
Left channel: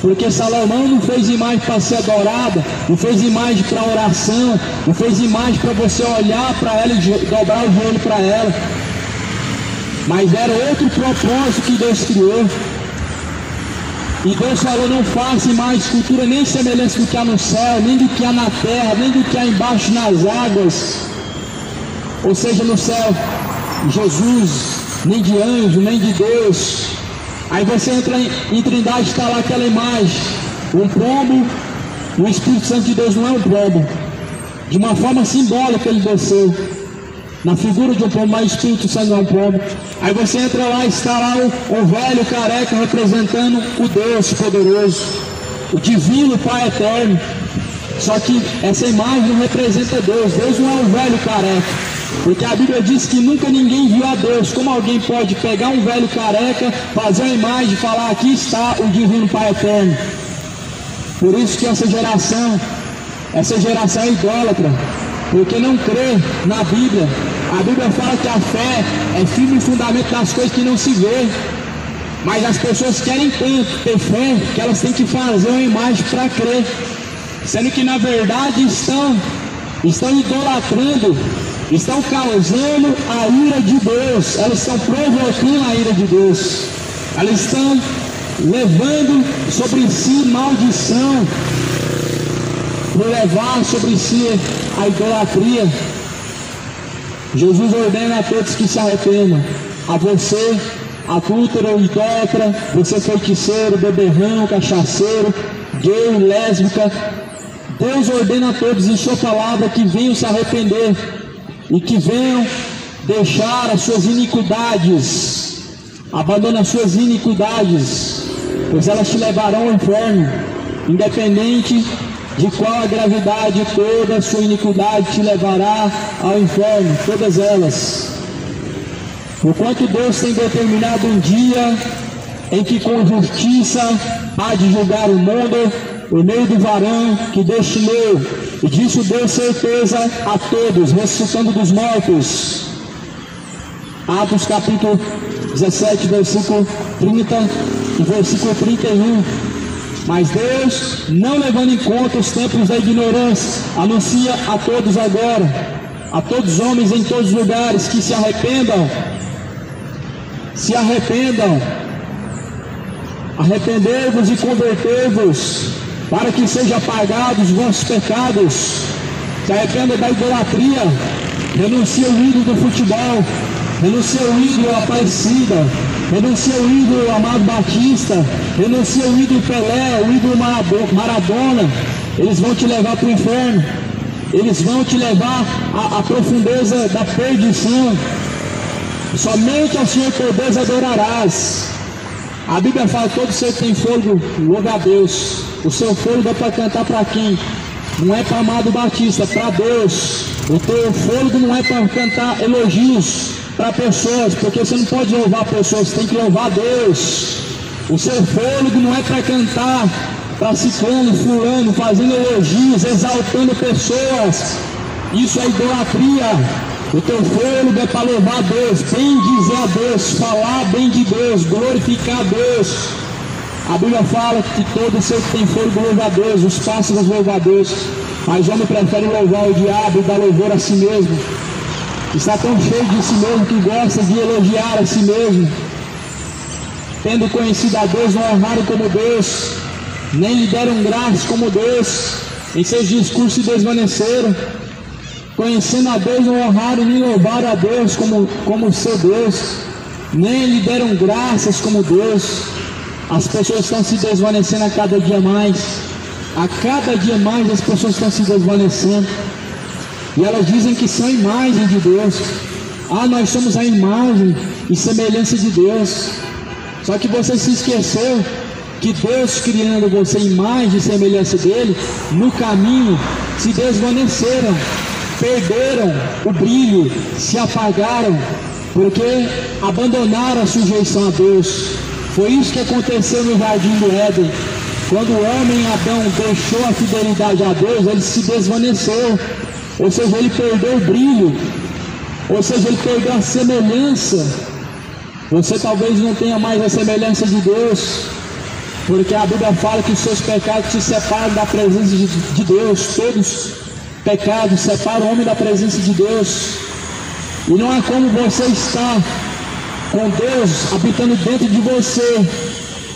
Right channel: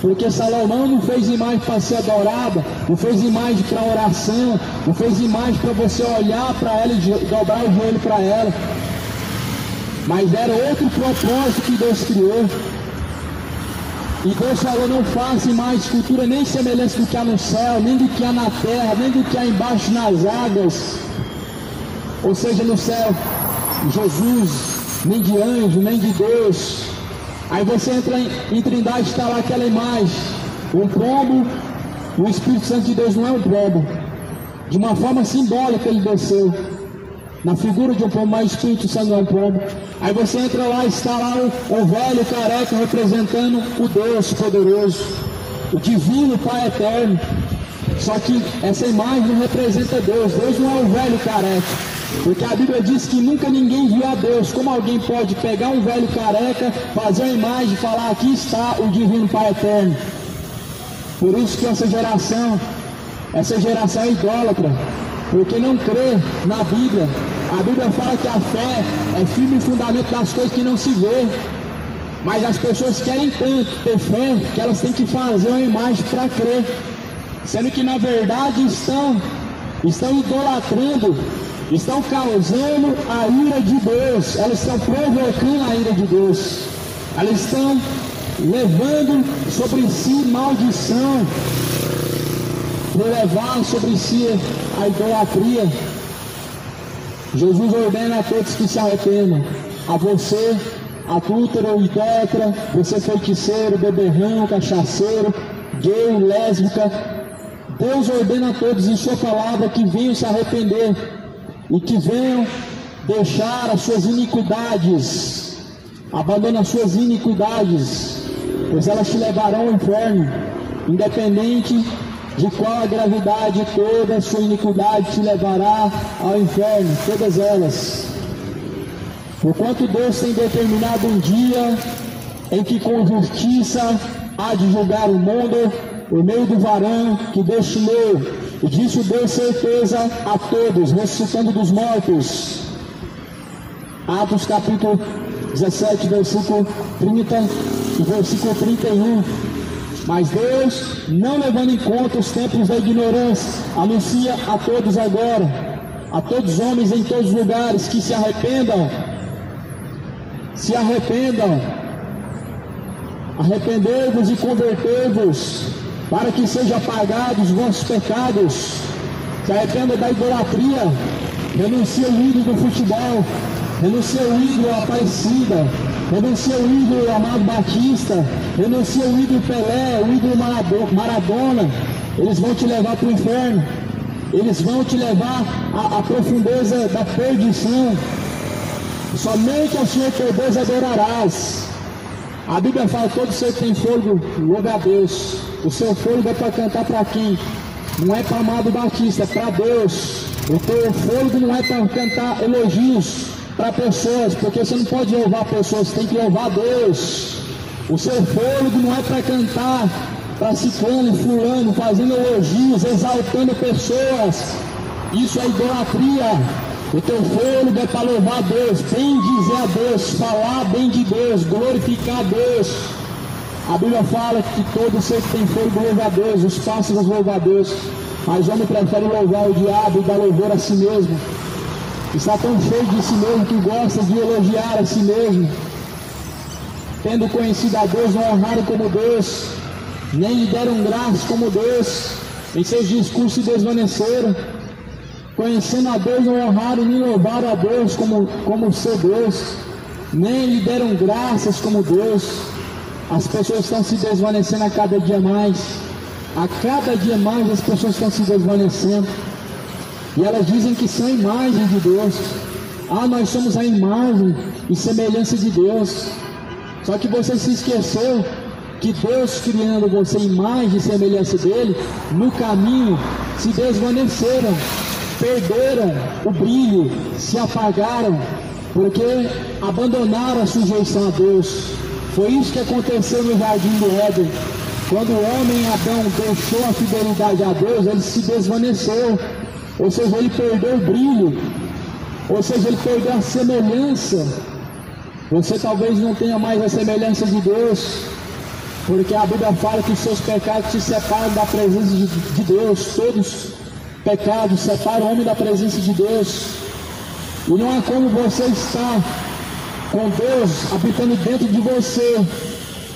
porque Salomão não fez imagem para ser adorada, não fez imagem para oração, não fez imagem para você olhar para ela e dobrar o joelho para ela. Mas era outro propósito que Deus criou. E Deus falou, não faça imagem de escultura nem semelhança do que há no céu, nem do que há na terra, nem do que há embaixo nas águas. Ou seja, no céu, Jesus, nem de anjo, nem de Deus. Aí você entra em Trindade, está lá aquela imagem, um pombo. O Espírito Santo de Deus não é um pombo. De uma forma simbólica ele desceu, na figura de um pombo, mas o Espírito Santo não é um pombo. Aí você entra lá e está lá o velho careca representando o Deus poderoso, o divino Pai eterno. Só que essa imagem não representa Deus. Deus não é um velho careca, porque a Bíblia diz que nunca ninguém viu a Deus. Como alguém pode pegar um velho careca, fazer uma imagem e falar, aqui está o divino Pai eterno? Por isso que essa geração é idólatra, porque não crê na Bíblia. A Bíblia fala que a fé é firme fundamento das coisas que não se vê. Mas as pessoas querem tanto ter fé que elas têm que fazer uma imagem para crer, sendo que na verdade estão idolatrando, estão causando a ira de Deus. Elas estão provocando a ira de Deus. Elas estão levando sobre si maldição, por levar sobre si a idolatria. Jesus ordena a todos que se arrependam. A você, adúltero, idólatra, você feiticeiro, beberrão, cachaceiro, gay, lésbica. Deus ordena a todos em sua palavra que venham se arrepender e que venham deixar as suas iniquidades. Abandone as suas iniquidades, pois elas te levarão ao inferno. Independente de qual a gravidade, toda a sua iniquidade te levará ao inferno, todas elas. Porquanto Deus tem determinado um dia em que com justiça há de julgar o mundo, por meio do varão que destinou, e disso deu certeza a todos, ressuscitando dos mortos. Atos capítulo 17, versículo 30 e versículo 31. Mas Deus, não levando em conta os tempos da ignorância, anuncia a todos agora a todos os homens em todos os lugares que se arrependam, arrependei-vos e convertei-vos, para que sejam apagados os vossos pecados. Se arrependa da idolatria, renuncia o ídolo do futebol, renuncia o ídolo Aparecida, renuncia o ídolo Amado Batista, renuncia o ídolo Pelé, o ídolo Maradona. Eles vão te levar para o inferno, eles vão te levar à profundeza da perdição. Somente ao Senhor teu Deus adorarás. A Bíblia fala: todo ser que tem fôlego, louva a Deus. O seu fôlego é para cantar para quem? Não é para Amado Batista, é para Deus. O teu fôlego não é para cantar elogios para pessoas, porque você não pode louvar pessoas, você tem que louvar Deus. O seu fôlego não é para cantar para ciclano, fulano, fazendo elogios, exaltando pessoas. Isso é idolatria. O teu fôlego é para louvar Deus, bem dizer a Deus, falar bem de Deus, glorificar a Deus. A Bíblia fala que todo ser que tem fôlego louva a Deus, os pássaros louvam a Deus, mas o homem prefere louvar o diabo e dar louvor a si mesmo. Está tão cheio de si mesmo que gosta de elogiar a si mesmo. Tendo conhecido a Deus, não honraram como Deus, nem lhe deram graças como Deus, em seus discursos se desvaneceram. Conhecendo a Deus, não honraram nem louvaram a Deus como seu Deus, nem lhe deram graças como Deus. As pessoas estão se desvanecendo a cada dia mais. A cada dia mais as pessoas estão se desvanecendo. E elas dizem que são a imagem de Deus. Ah, nós somos a imagem e semelhança de Deus. Só que você se esqueceu que Deus, criando você imagem e semelhança dele, no caminho se desvaneceram, perderam o brilho, se apagaram, porque abandonaram a sujeição a Deus. Foi isso que aconteceu no Jardim do Éden. Quando o homem Adão deixou a fidelidade a Deus, ele se desvaneceu. Ou seja, ele perdeu o brilho, ou seja, ele perdeu a semelhança. Você talvez não tenha mais a semelhança de Deus, porque a Bíblia fala que os seus pecados te separam da presença de Deus. Todos os pecados separam o homem da presença de Deus. E não é como você está com Deus habitando dentro de você,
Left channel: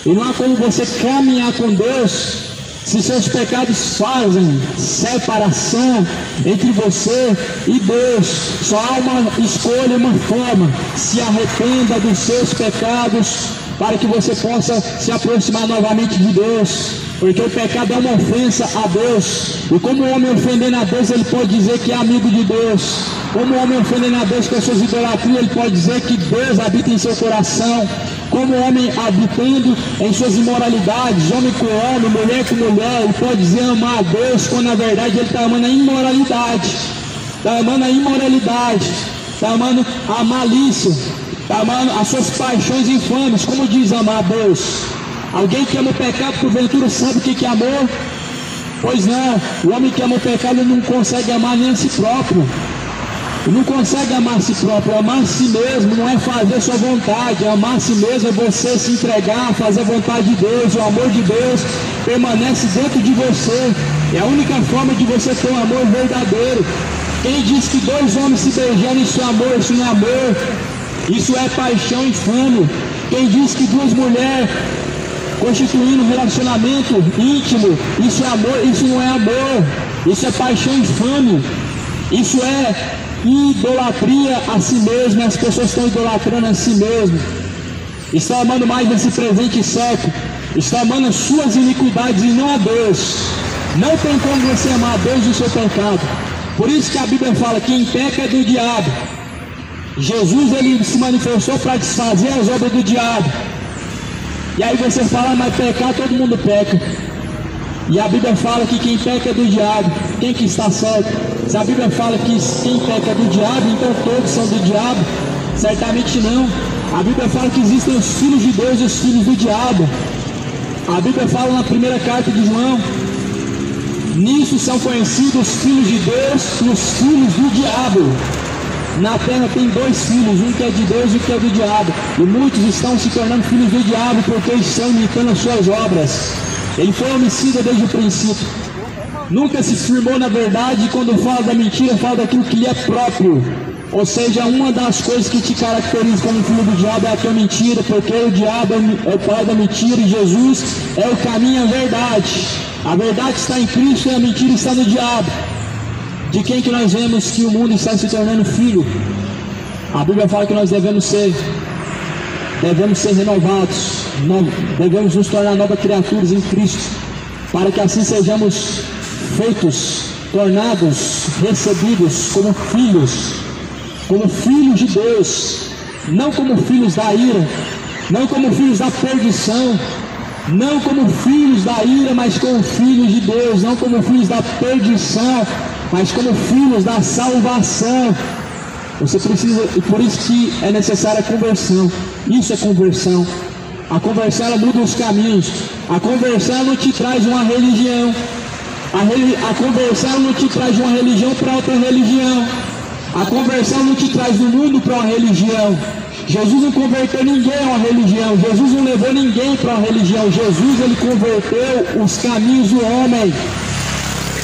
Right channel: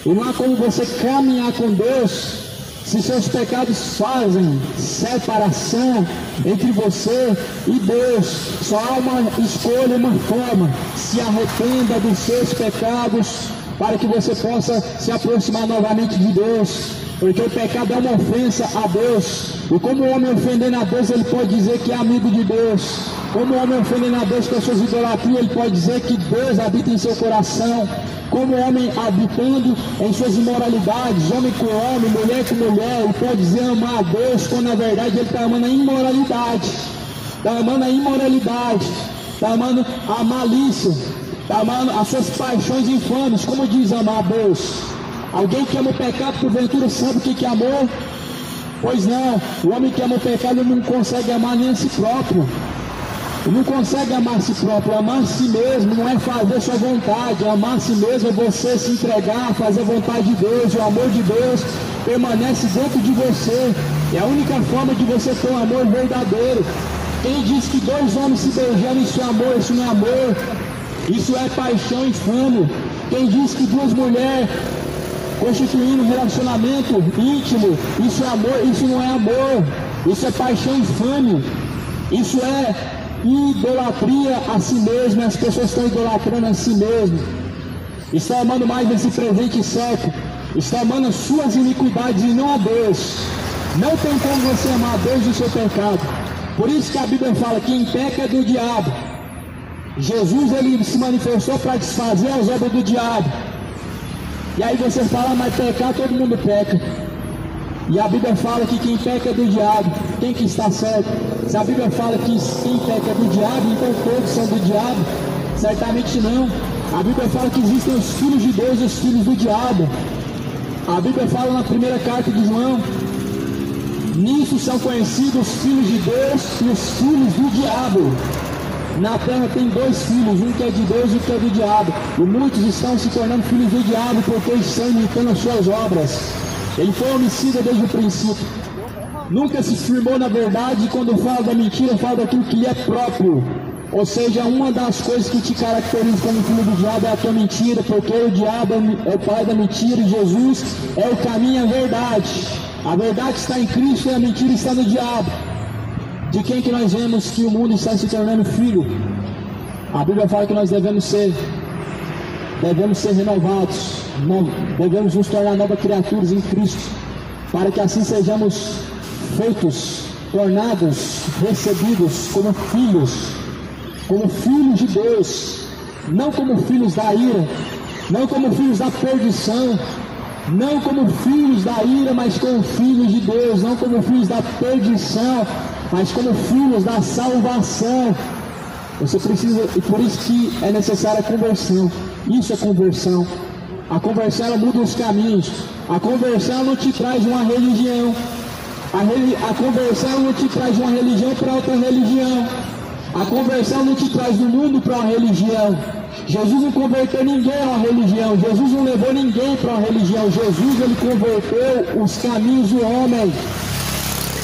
e não é como você caminhar com Deus se seus pecados fazem separação entre você e Deus. Só há uma escolha, uma forma: se arrependa dos seus pecados, para que você possa se aproximar novamente de Deus, porque o pecado é uma ofensa a Deus. E como o homem ofendendo a Deus, ele pode dizer que é amigo de Deus. Como o homem ofendendo a Deus com as suas idolatrias, ele pode dizer que Deus habita em seu coração. Como o homem habitando em suas imoralidades, homem com homem, mulher com mulher, ele pode dizer amar a Deus, quando na verdade ele está amando a imoralidade, está amando a imoralidade, está amando a malícia, está amando as suas paixões infames. Como diz amar a Deus? Alguém que ama o pecado, porventura, sabe o que é amor? Pois não, o homem que ama o pecado não consegue amar nem a si próprio. Não consegue amar a si próprio. Amar a si mesmo não é fazer sua vontade. Amar a si mesmo é você se entregar, fazer a vontade de Deus. O amor de Deus permanece dentro de você. É a única forma de você ter um amor verdadeiro. Quem diz que dois homens se beijando, isso é amor, isso não é amor. Isso é paixão infame. Quem diz que duas mulheres constituindo um relacionamento íntimo, isso é amor, isso não é amor. Isso é paixão infame. Isso é idolatria a si mesmo. As pessoas estão idolatrando a si mesmo, estão amando mais desse presente século, estão amando as suas iniquidades e não a Deus, não tentando você amar a Deus e o seu pecado. Por isso que a Bíblia fala: quem peca é do diabo. Jesus, ele se manifestou para desfazer as obras do diabo. E aí você fala: mas pecar, todo mundo peca. E a Bíblia fala que quem peca é do diabo. Quem que está certo? Se a Bíblia fala que quem peca é do diabo, então todos são do diabo? Certamente não. A Bíblia fala que existem os filhos de Deus e os filhos do diabo. A Bíblia fala na primeira carta de João: nisso são conhecidos os filhos de Deus e os filhos do diabo. Na terra tem dois filhos, um que é de Deus e outro que é do diabo. E muitos estão se tornando filhos do diabo porque estão imitando as suas obras. Ele foi homicida desde o princípio. nunca se firmou na verdade, e quando fala da mentira, fala daquilo que lhe é próprio. Ou seja, uma das coisas que te caracteriza como filho do diabo é a tua mentira, porque o diabo é o pai da mentira e Jesus é o caminho e a verdade. A verdade está em Cristo e a mentira está no diabo. De quem que nós vemos que o mundo está se tornando filho? A Bíblia fala que nós devemos ser renovados, devemos nos tornar novas criaturas em Cristo, para que assim sejamos feitos, tornados, recebidos como filhos de Deus, não como filhos da ira, não como filhos da perdição, não como filhos da ira, mas como filhos de Deus, não como filhos da perdição, mas como filhos da salvação. Você precisa, e por isso que é necessária a conversão. Isso é conversão. A conversão, ela muda os caminhos. A conversão não te traz uma religião. A conversão não te traz de uma religião para outra religião. A conversão não te traz do mundo para uma religião. Jesus não converteu ninguém a uma religião. Jesus não levou ninguém para uma religião. Jesus, ele converteu os caminhos do homem,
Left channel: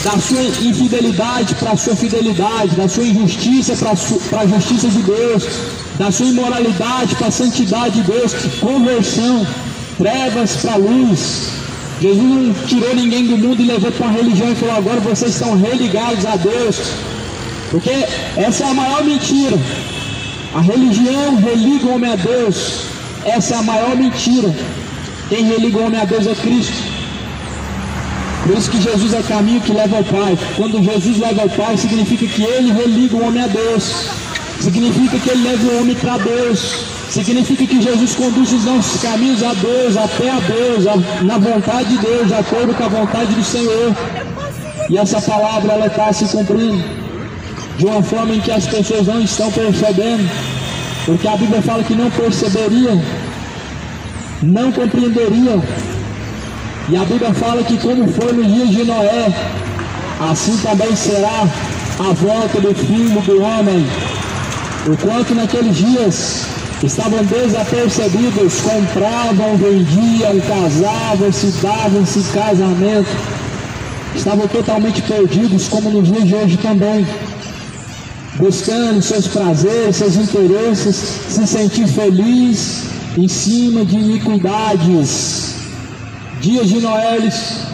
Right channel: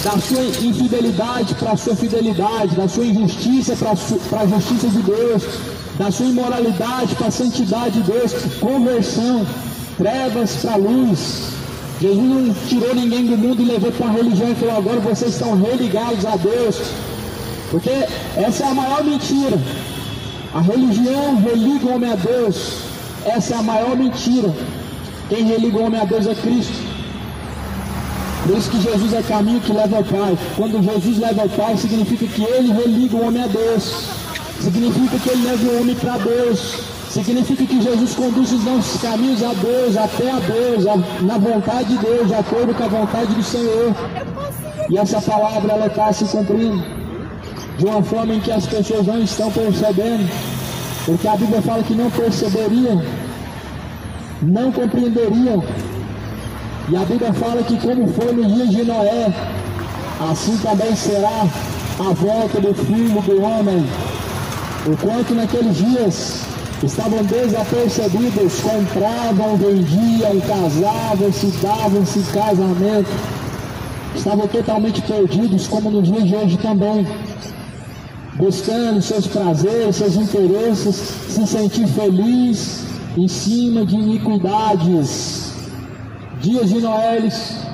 da sua infidelidade para a sua fidelidade, da sua injustiça para a justiça de Deus, da sua imoralidade para a santidade de Deus. Conversão, trevas para a luz. Jesus não tirou ninguém do mundo e levou para uma religião e falou: agora vocês estão religados a Deus. Porque essa é a maior mentira. A religião religa o homem a Deus. Essa é a maior mentira. Quem religa o homem a Deus é Cristo. Por isso que Jesus é o caminho que leva ao Pai. Quando Jesus leva ao Pai, significa que ele religa o homem a Deus. Significa que ele leva o homem para Deus. Significa que Jesus conduz os nossos caminhos a Deus, até a Deus, na vontade de Deus, de acordo com a vontade do Senhor. E essa palavra, ela está se cumprindo de uma forma em que as pessoas não estão percebendo, porque a Bíblia fala que não perceberiam, não compreenderiam. E a Bíblia fala que como foi no dia de Noé, assim também será a volta do Filho do Homem. Enquanto naqueles dias estavam desapercebidos, compravam, vendiam, casavam-se, davam-se casamento, estavam totalmente perdidos, como nos dias de hoje também, buscando seus prazeres, seus interesses, se sentir feliz em cima de iniquidades. Dias de Noé,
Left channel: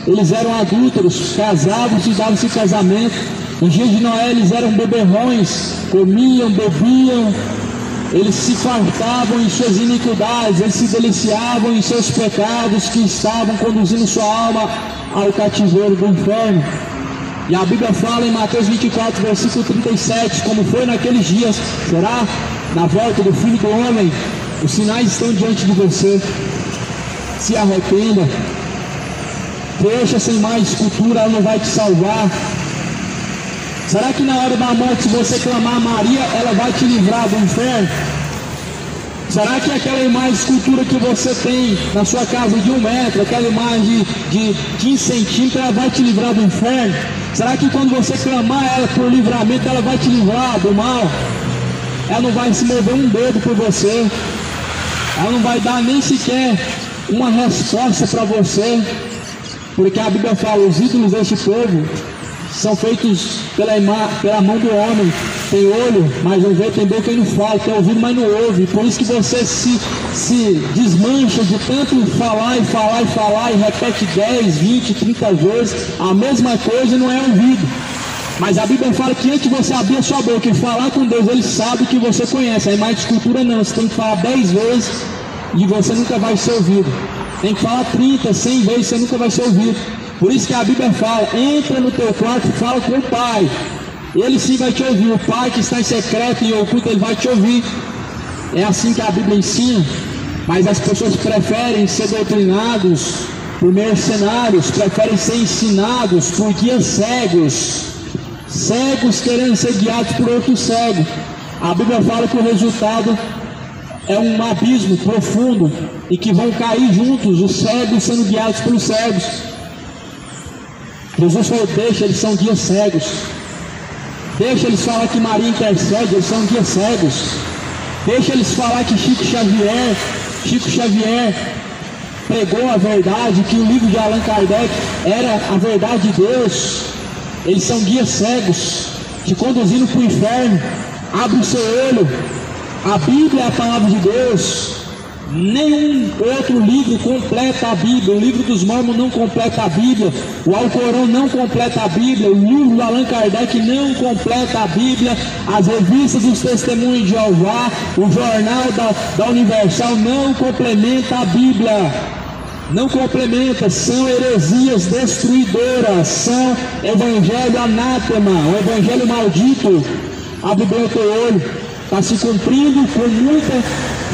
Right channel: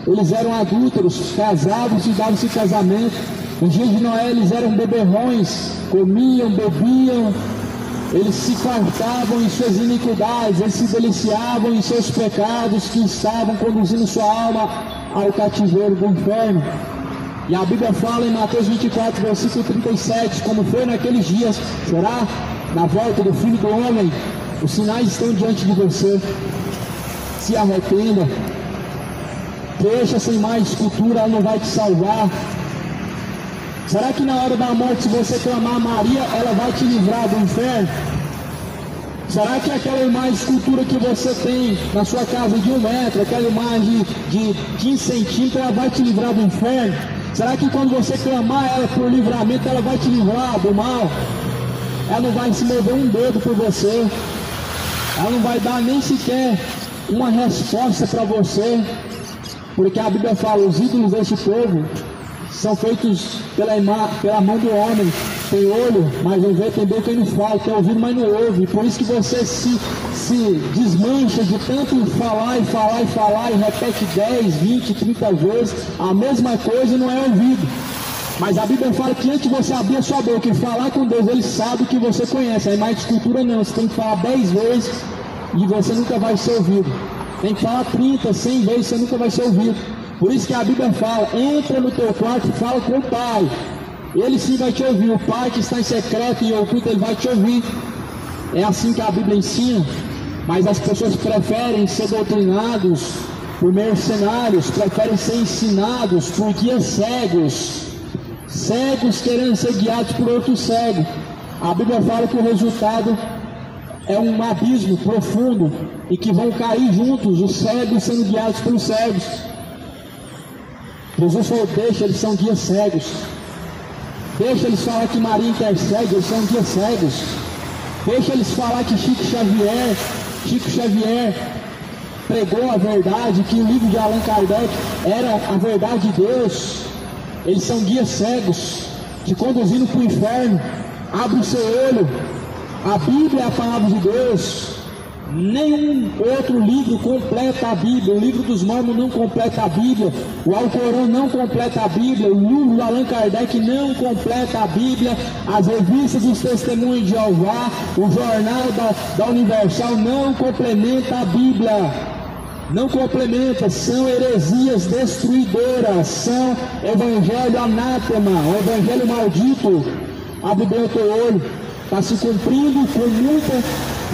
eles eram adúlteros, casavam-se e davam-se casamento. Nos dias de Noé, eles eram beberrões, comiam, bebiam, eles se fartavam em suas iniquidades, eles se deliciavam em seus pecados que estavam conduzindo sua alma ao cativeiro do inferno. E a Bíblia fala em Mateus 24, versículo 37, como foi naqueles dias, será na volta do Filho do Homem. Os sinais estão diante de você. Se arrependa. Deixa sem mais cultura, ela não vai te salvar. Será que na hora da morte, se você clamar a Maria, ela vai te livrar do inferno? Será que aquela imagem de escultura que você tem na sua casa de 1 metro, aquela imagem de 15 centímetros, ela vai te livrar do inferno? Será que quando você clamar ela por livramento, ela vai te livrar do mal? Ela não vai se mover um dedo por você. Ela não vai dar nem sequer uma resposta para você. Porque a Bíblia fala, os ídolos deste povo são feitos pela mão do homem. Tem olho, mas não vê, tem boca e não fala, tem ouvido, mas não ouve. Por isso que você se desmancha de tanto falar e falar e falar, e repete 10, 20, 30 vezes a mesma coisa e não é ouvido. Mas a Bíblia fala que antes de você abrir a sua boca e falar com Deus, Ele sabe que você conhece. A imagem de escultura não, você tem que falar 10 vezes e você nunca vai ser ouvido. Tem que falar 30, 100 vezes, você nunca vai ser ouvido. Por isso que a Bíblia fala, entra no teu quarto e fala com o Pai. Ele sim vai te ouvir. O Pai que está em secreto e oculto, Ele vai te ouvir. É assim que a Bíblia ensina. Mas as pessoas preferem ser doutrinados por mercenários, preferem ser ensinados por guias cegos. Cegos querendo ser guiados por outro cego. A Bíblia fala que o resultado é um abismo profundo e que vão cair juntos os cegos sendo guiados pelos cegos. Jesus falou, deixa, eles são guias cegos. Deixa eles falar que Maria intercede, eles são guias cegos. Deixa eles falar que Chico Xavier pregou a verdade, que o livro de Allan Kardec era a verdade de Deus. eles são guias cegos, te conduzindo para o inferno. Abre o seu olho. A Bíblia é a palavra de Deus. Nenhum outro livro completa a Bíblia. O livro dos Mormons não completa a Bíblia. O Alcorão não completa a Bíblia. O livro do Allan Kardec não completa a Bíblia. As revistas dos Testemunhos de Jeová, o jornal da Universal não complementa a Bíblia. Não complementa, são heresias destruidoras, são evangelho anátema, o evangelho maldito. Abre bem o teu olho, está se cumprindo com muita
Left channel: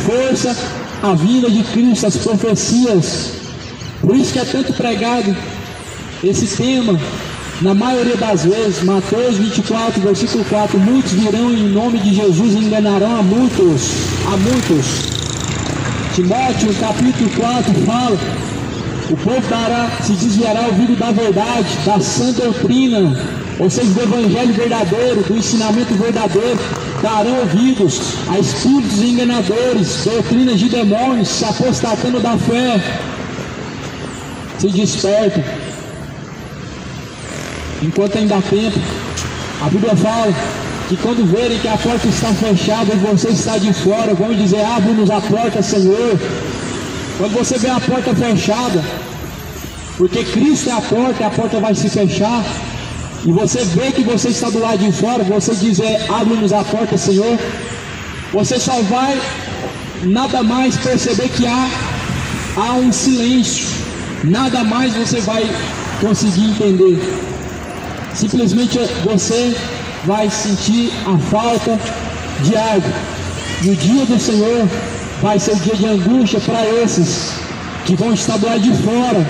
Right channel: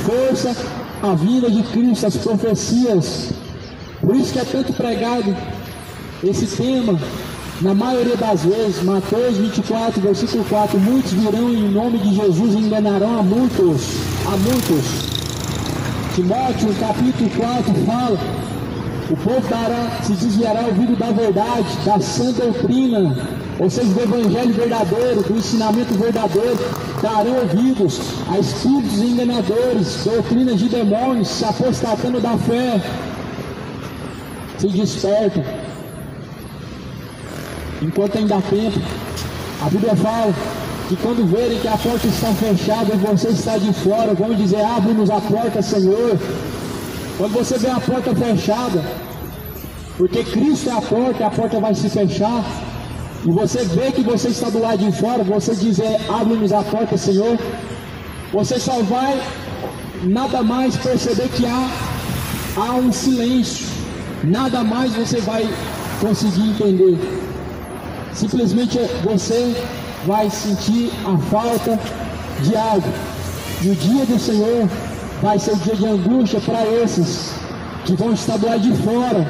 força a vinda de Cristo, as profecias. Por isso que é tanto pregado esse tema, na maioria das vezes. Mateus 24, versículo 4, muitos virão em nome de Jesus e enganarão a muitos. Timóteo, capítulo 4, fala: o povo se desviará ouvido da verdade, da sã doutrina, ou seja, do evangelho verdadeiro, do ensinamento verdadeiro, darão ouvidos a espíritos enganadores, doutrinas de demônios, se apostatando da fé. Se despertem, enquanto ainda há tempo. A Bíblia fala que quando verem que a porta está fechada e você está de fora, vão dizer: abre-nos a porta, Senhor. Quando você vê a porta fechada, porque Cristo é a porta vai se fechar, e você vê que você está do lado de fora, você diz: abre-nos a porta, Senhor. Você só vai nada mais perceber que há um silêncio, nada mais você vai conseguir entender. Simplesmente você vai sentir a falta de água. E o dia do Senhor vai ser o dia de angústia para esses que vão estar do lado de fora,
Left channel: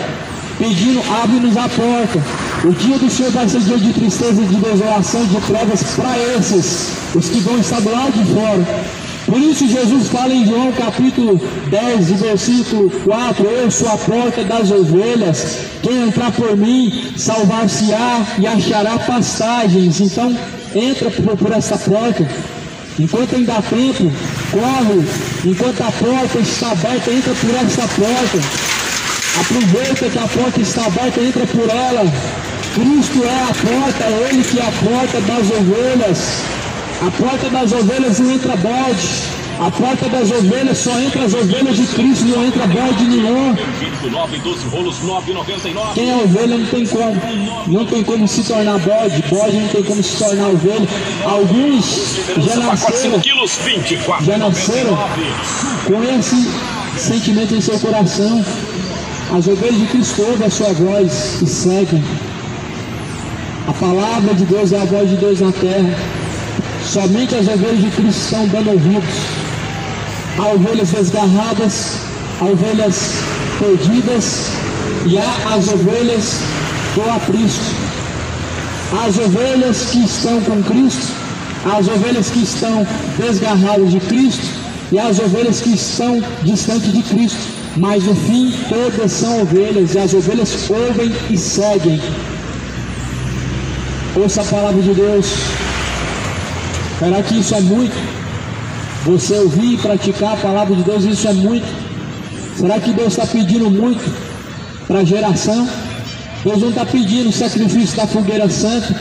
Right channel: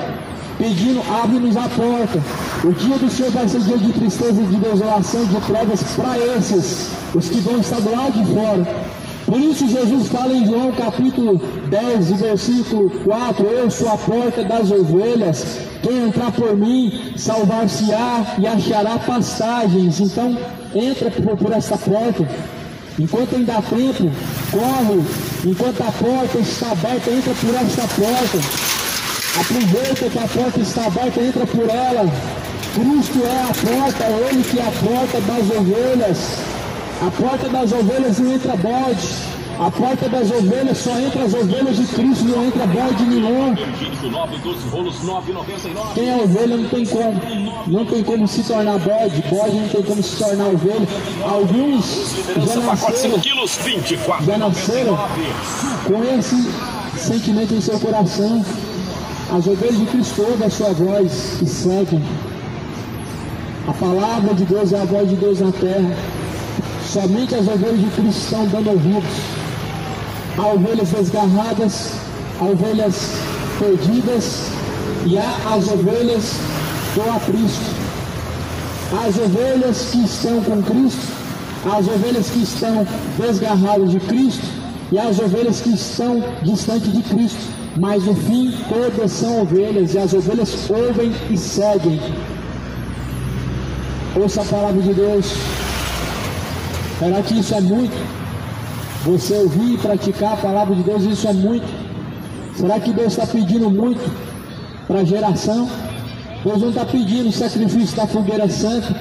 pedindo: abre-nos a porta. O dia do Senhor vai ser dia de tristeza, de desolação, de provas para esses, os que vão estar do lado de fora. Por isso Jesus fala em João capítulo 10, versículo 4: eu sou a porta das ovelhas, quem entrar por mim salvar-se-á e achará pastagens. Então entra por essa porta, enquanto ainda há tempo, corre, enquanto a porta está aberta, entra por essa porta. Aproveita que a porta está aberta, entra por ela. Cristo é a porta, é Ele que é a porta das ovelhas. A porta das ovelhas não entra bode. A porta das ovelhas só entra as ovelhas de Cristo, não entra bode nenhum. Quem é ovelha não tem como se tornar bode, bode não tem como se tornar ovelha. Alguns já nasceram com esse sentimento em seu coração. As ovelhas de Cristo ouvem a sua voz e seguem. A palavra de Deus é a voz de Deus na terra. Somente as ovelhas de Cristo estão dando ouvidos. Há ovelhas desgarradas, há ovelhas perdidas e há as ovelhas do aprisco. As ovelhas que estão com Cristo, as ovelhas que estão desgarradas de Cristo e as ovelhas que estão distantes de Cristo. Mas no fim todas são ovelhas, e as ovelhas ouvem e seguem. Ouça a palavra de Deus. Será que isso é muito? Você ouvir e praticar a palavra de Deus, isso é muito? Será que Deus está pedindo muito para a geração? Deus não está pedindo sacrifício da fogueira santa.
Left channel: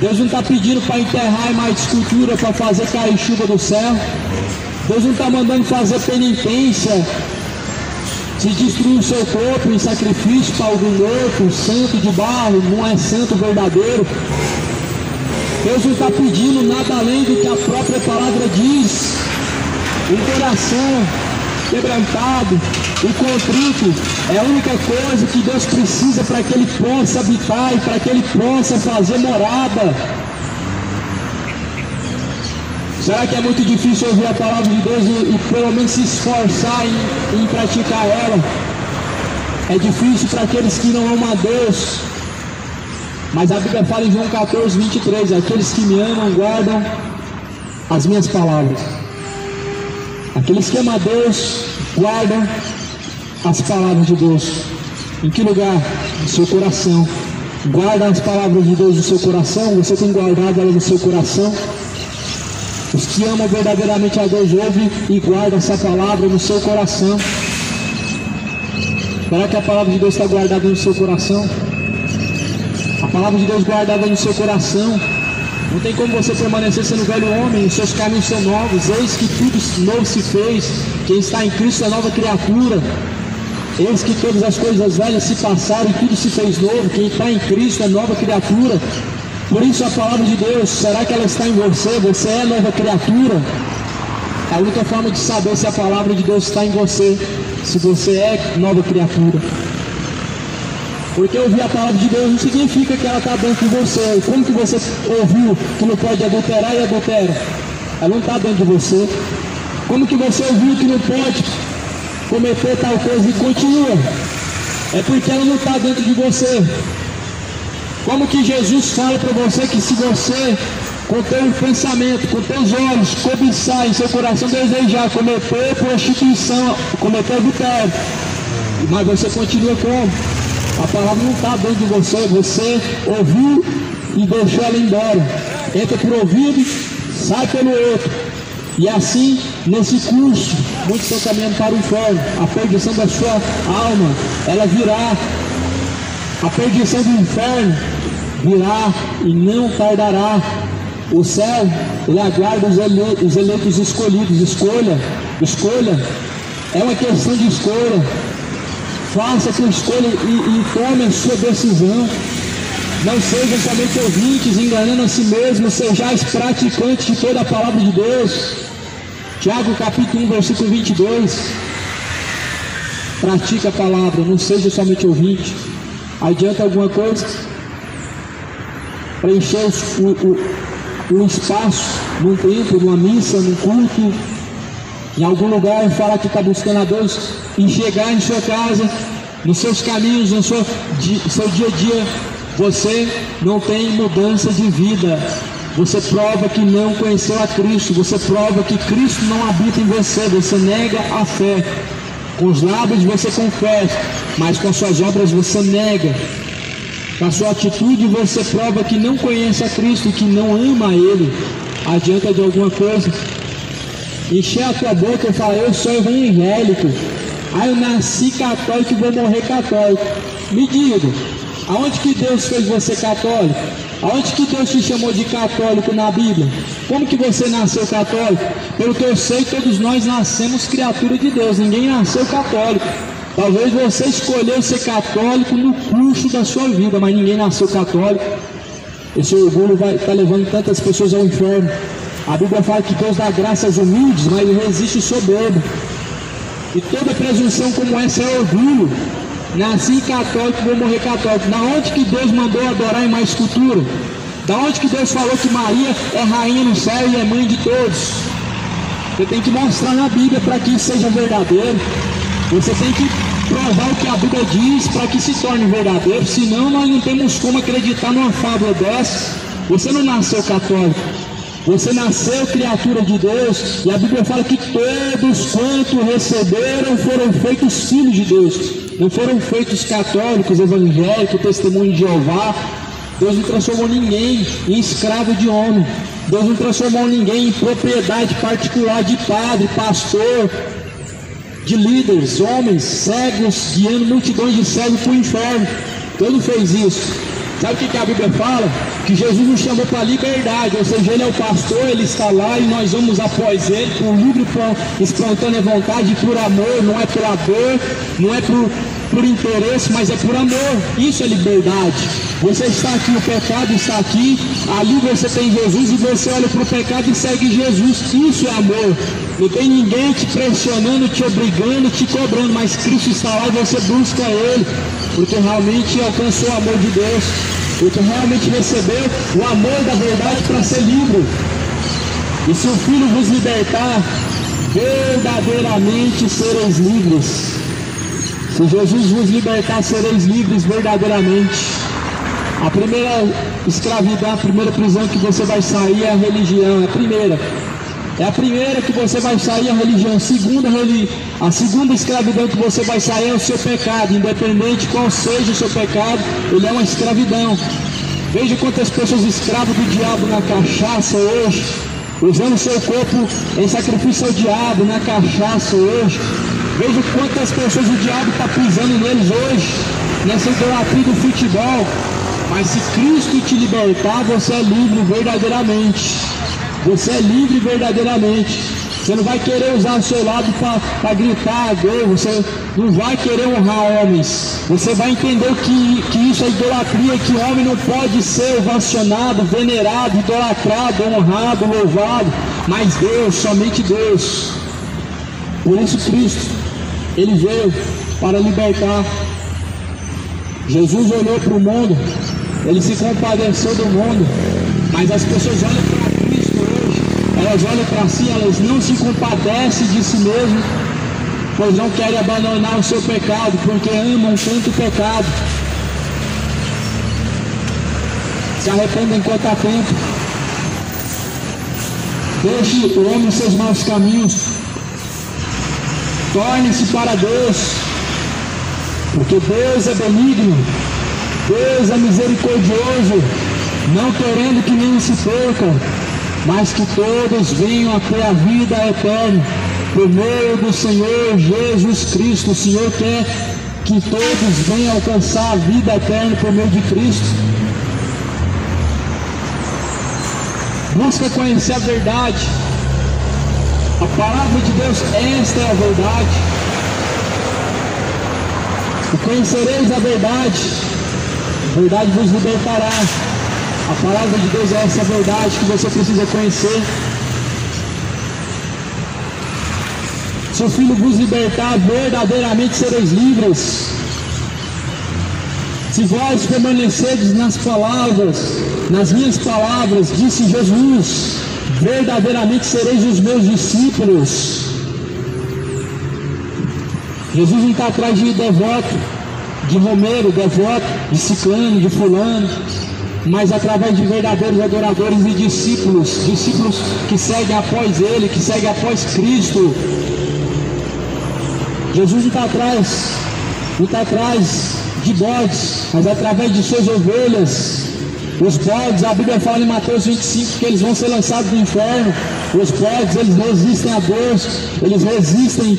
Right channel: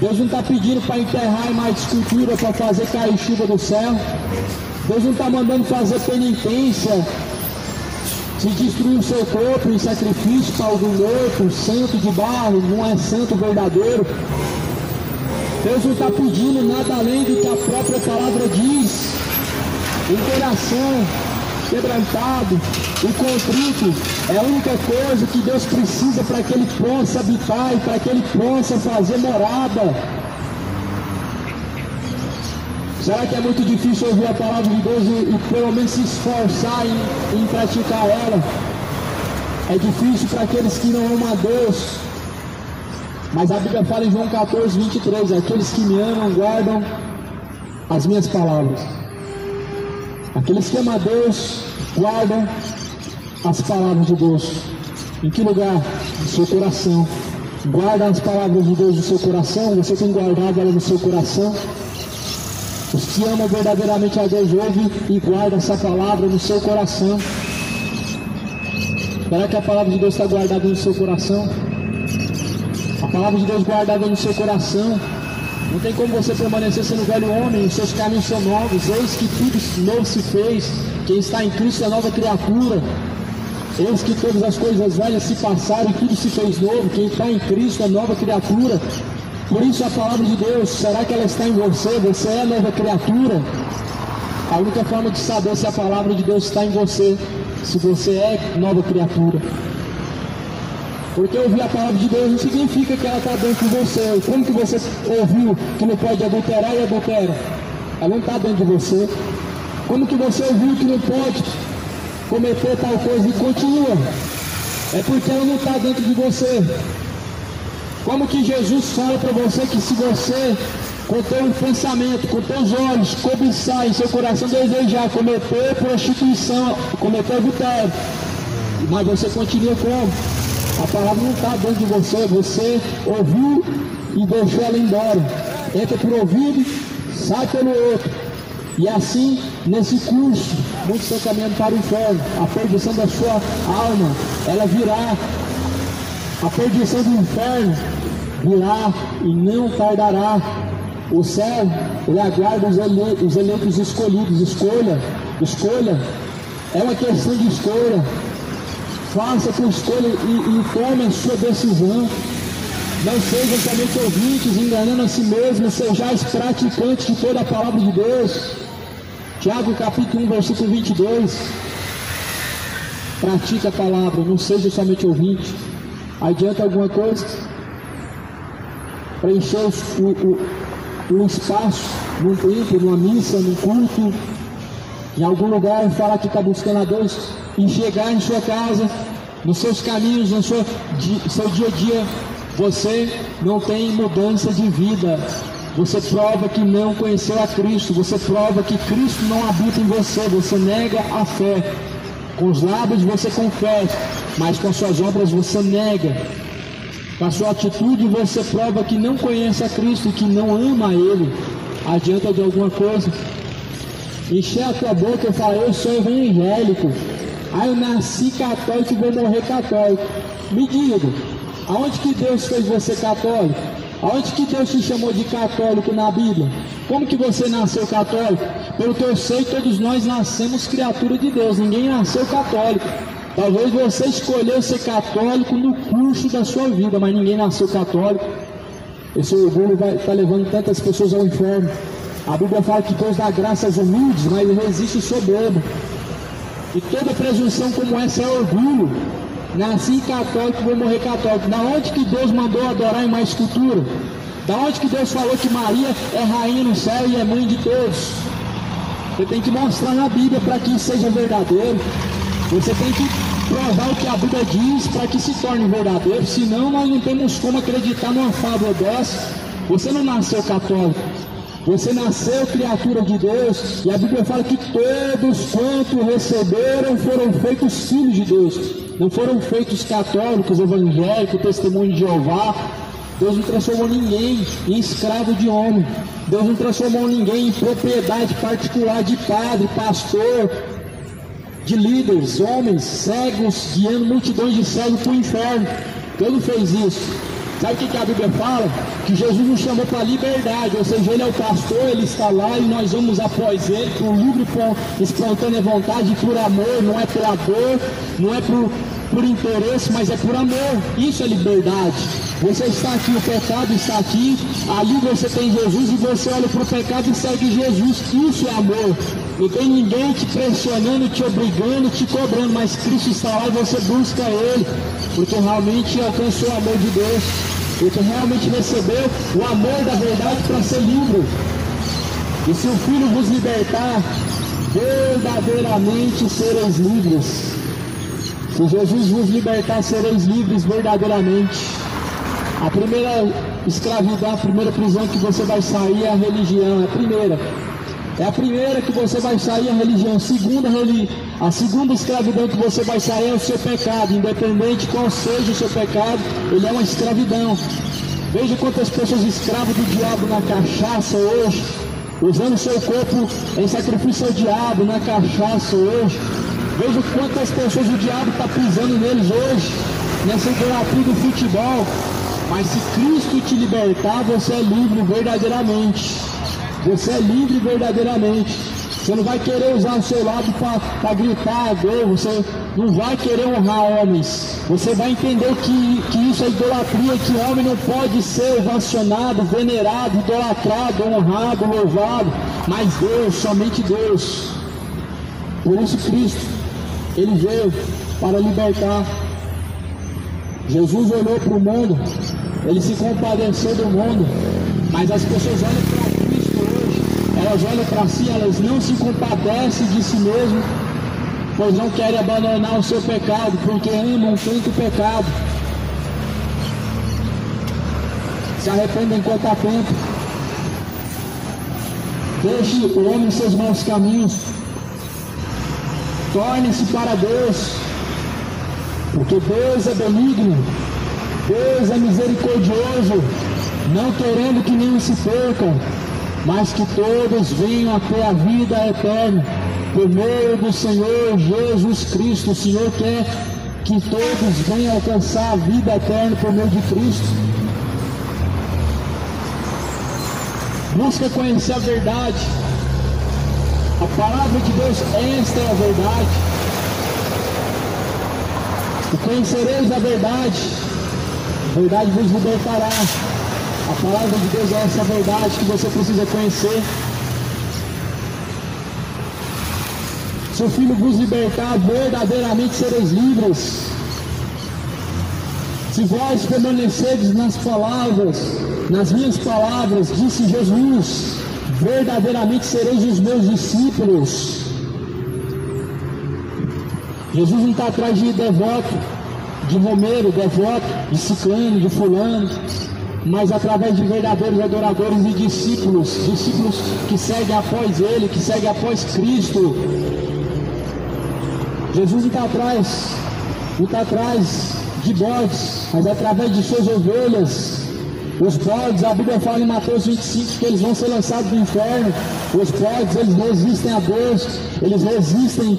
Deus não está pedindo para enterrar mais escultura, para fazer cair chuva do céu. Deus não está mandando fazer penitência, se destruir o seu corpo em sacrifício para algum outro, santo de barro, não é santo verdadeiro. Deus não está pedindo nada além do que a própria palavra diz. Um coração quebrantado e contrito é a única coisa que Deus precisa para que Ele possa habitar e para que Ele possa fazer morada. Será que é muito difícil ouvir a palavra de Deus e pelo menos se esforçar em praticar ela? É difícil para aqueles que não amam a Deus. Mas a Bíblia fala em João 14, 23, aqueles que me amam guardam as minhas palavras. Aqueles que amam a Deus guardam as palavras de Deus. Em que lugar? No seu coração. Guarda as palavras de Deus no seu coração. Você tem guardado ela no seu coração? Os que amam verdadeiramente a Deus ouvem e guardam essa palavra no seu coração. Será que a palavra de Deus está guardada no seu coração? a palavra de Deus guardada no seu coração. Não tem como você permanecer sendo velho homem, os seus caminhos são novos. Eis que tudo novo se fez. Quem está em Cristo é nova criatura. Eis que todas as coisas velhas se passaram e tudo se fez novo. Quem está em Cristo é nova criatura. Por isso a palavra de Deus, será que ela está em você? Você é nova criatura? A única forma de saber se a palavra de Deus está em você, se você é nova criatura. Porque ouvir a palavra de Deus não significa que ela está dentro de você. Como que você ouviu que não pode adulterar e adultera? Ela não está dentro de você. Como que você ouviu que não pode cometer tal coisa e continua? É porque ela não está dentro de você. Como que Jesus fala para você que se você, com teu pensamento, com teus olhos, cobiçar em seu coração, desejar cometer prostituição, cometer adultério, mas você continua como? A palavra não está dentro de você, você ouviu e deixou ela embora. Entra por ouvido, sai pelo outro. E assim, nesse curso, muitos estão caminhando para o inferno. A perdição da sua alma, ela virá. A perdição do inferno virá e não tardará. O céu, ele aguarda os eleitos escolhidos. Escolha. É uma questão de escolha. Faça a sua escolha e tome a sua decisão. Não sejam somente ouvintes, enganando a si mesmos, sejais praticantes de toda a palavra de Deus. Tiago capítulo 1, versículo 22. Pratique a palavra, não seja somente ouvinte. Adianta alguma coisa? Preencher o espaço num templo, numa missa, num culto, em algum lugar, e falar que está buscando a Deus, e chegar em sua casa, nos seus caminhos, no seu dia a dia, você não tem mudança de vida. Você prova que não conheceu a Cristo, você prova que Cristo não habita em você, você nega a fé. Com os lábios você confessa, mas com suas obras você nega. Com a sua atitude você prova que não conhece a Cristo e que não ama a Ele. Adianta de alguma coisa? Encher a tua boca e falar, eu sou evangélico. Eu nasci católico e vou morrer católico. Me diga, aonde que Deus fez você católico? Aonde que Deus te chamou de católico na Bíblia? Como que você nasceu católico? Pelo que eu sei, todos nós nascemos criatura de Deus, ninguém nasceu católico. Talvez você escolheu ser católico no curso da sua vida, mas ninguém nasceu católico. Esse orgulho vai estar levando tantas pessoas ao inferno. A Bíblia fala que Deus dá graça aos humildes, mas ele resiste o soberbo. E toda presunção como essa é orgulho. Nasci católico, vou morrer católico. Da onde que Deus mandou adorar em uma escultura? Da onde que Deus falou que Maria é rainha no céu e é mãe de todos? Você tem que mostrar na Bíblia para que isso seja verdadeiro. Você tem que provar o que a Bíblia diz para que se torne verdadeiro. Senão nós não temos como acreditar numa fábula dessa. Você não nasceu católico. Você nasceu criatura de Deus, e a Bíblia fala que todos quanto receberam foram feitos filhos de Deus. Não foram feitos católicos, evangélicos, testemunho de Jeová. Deus não transformou ninguém em escravo de homem. Deus não transformou ninguém em propriedade particular de padre, pastor, de líderes, homens cegos, guiando multidões de cegos para o inferno. Deus não fez isso. Sabe o que a Bíblia fala? Que Jesus nos chamou para a liberdade, ou seja, Ele é o pastor, Ele está lá e nós vamos após Ele por livre e espontânea vontade, por amor, não é pela dor, não é por interesse, mas é por amor. Isso é liberdade. Você está aqui, o pecado está aqui, ali você tem Jesus e você olha para o pecado e segue Jesus. Isso é amor. Não tem ninguém te pressionando, te obrigando, te cobrando, mas Cristo está lá e você busca Ele, porque realmente alcançou o amor de Deus, porque realmente recebeu o amor da verdade para ser livre. E se o Filho vos libertar, verdadeiramente sereis livres. Se Jesus vos libertar, sereis livres verdadeiramente. A primeira escravidão, a primeira prisão que você vai sair é a religião, é a primeira que você vai sair, a religião. A segunda escravidão que você vai sair é o seu pecado. Independente qual seja o seu pecado, ele é uma escravidão. Veja quantas pessoas escravas do diabo na cachaça hoje, usando o seu corpo em sacrifício ao diabo na cachaça hoje. Veja quantas pessoas o diabo está pisando neles hoje, nessa idolatria do futebol. Mas se Cristo te libertar, você é livre verdadeiramente. Você é livre verdadeiramente. Você não vai querer usar o seu lado para gritar, você não vai querer honrar homens. Você vai entender que isso é idolatria, que o homem não pode ser ovacionado, venerado, idolatrado, honrado, louvado, mas Deus, somente Deus. Por isso Cristo, Ele veio para libertar. Jesus olhou para o mundo, Ele se compadeceu do mundo, mas as pessoas olham para Cristo hoje, elas olham para si, elas não se compadecem de si mesmas, pois não querem abandonar o seu pecado, porque amam tanto o pecado. Se arrependem enquanto há tempo. Deixe o homem seus maus caminhos. Torne-se para Deus, porque Deus é benigno, Deus é misericordioso, não querendo que nenhum se percam, mas que todos venham até a vida eterna, por meio do Senhor Jesus Cristo. O Senhor quer que todos venham alcançar a vida eterna por meio de Cristo. Busca conhecer a verdade. A palavra de Deus, esta é a verdade. E conhecereis a verdade vos libertará. A palavra de Deus é essa verdade que você precisa conhecer. Se o Filho vos libertar, verdadeiramente sereis livres. Se vós permanecerdes nas minhas palavras, disse Jesus, verdadeiramente sereis os meus discípulos. Jesus não está atrás de devoto, de Romero, devoto, de ciclano, de fulano, mas através de verdadeiros adoradores e discípulos que seguem após Ele, que seguem após Cristo. Jesus não está atrás de bodes, mas através de suas ovelhas. Os bodes, a Bíblia fala em Mateus 25 que eles vão ser lançados no inferno. Os bodes, eles resistem a Deus, eles resistem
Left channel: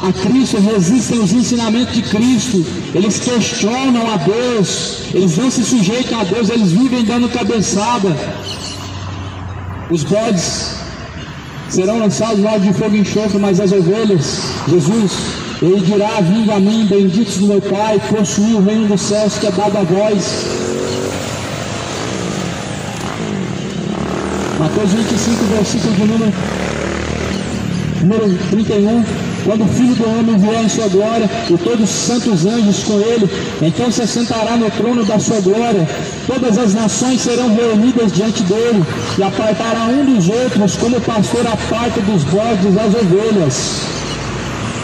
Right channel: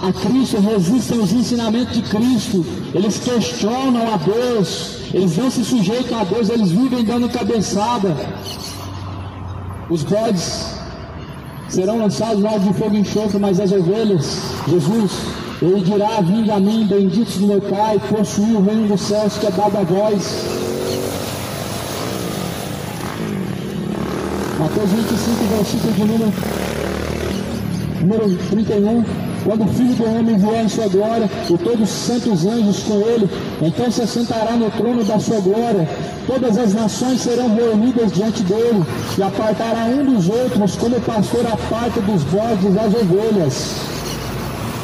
a Cristo, resistem aos ensinamentos de Cristo, eles questionam a Deus, eles não se sujeitam a Deus, eles vivem dando cabeçada. Os bodes serão lançados no lago de fogo e enxofre, mas as ovelhas, Jesus, Ele dirá: vinde a mim, benditos do meu Pai, possuí o reino dos céus que é dado a vós. Mateus 25, versículo de número 31. Quando o Filho do Homem vier em sua glória e todos os santos anjos com ele, então se sentará no trono da sua glória. Todas as nações serão reunidas diante dele, e apartará um dos outros, como o pastor aparta dos bodes as ovelhas.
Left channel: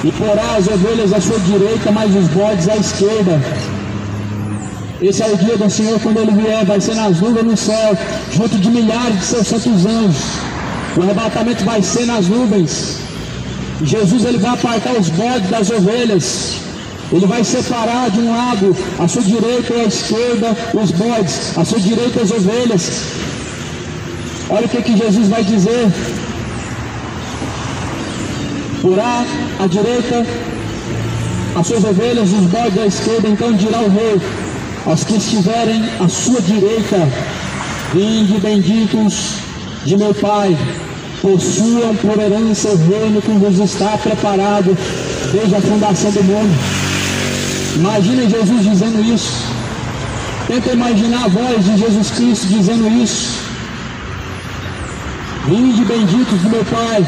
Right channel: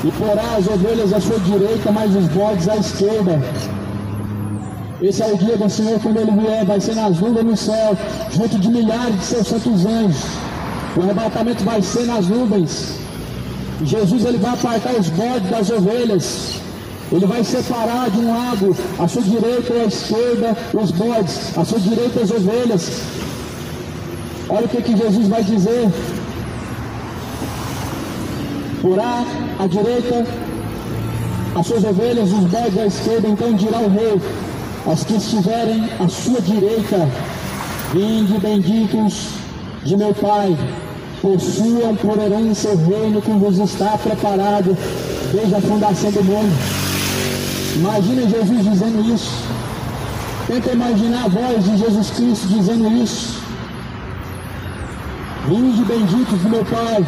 E porá as ovelhas à sua direita, mas os bodes à esquerda. Esse é o dia do Senhor quando Ele vier, vai ser nas nuvens no céu, junto de milhares de seus santos anjos. O arrebatamento vai ser nas nuvens. Jesus, Ele vai apartar os bodes das ovelhas. Ele vai separar de um lado, à sua direita e à esquerda, os bodes, à sua direita as ovelhas. Olha o que Jesus vai dizer. Porá à direita as suas ovelhas, os bodes à esquerda. Então dirá o rei aos que estiverem à sua direita: vinde, benditos de meu Pai, possuam por herança o reino que vos está preparado desde a fundação do mundo. Imagine Jesus dizendo isso. Tenta imaginar a voz de Jesus Cristo dizendo isso. Vinde, benditos do meu Pai,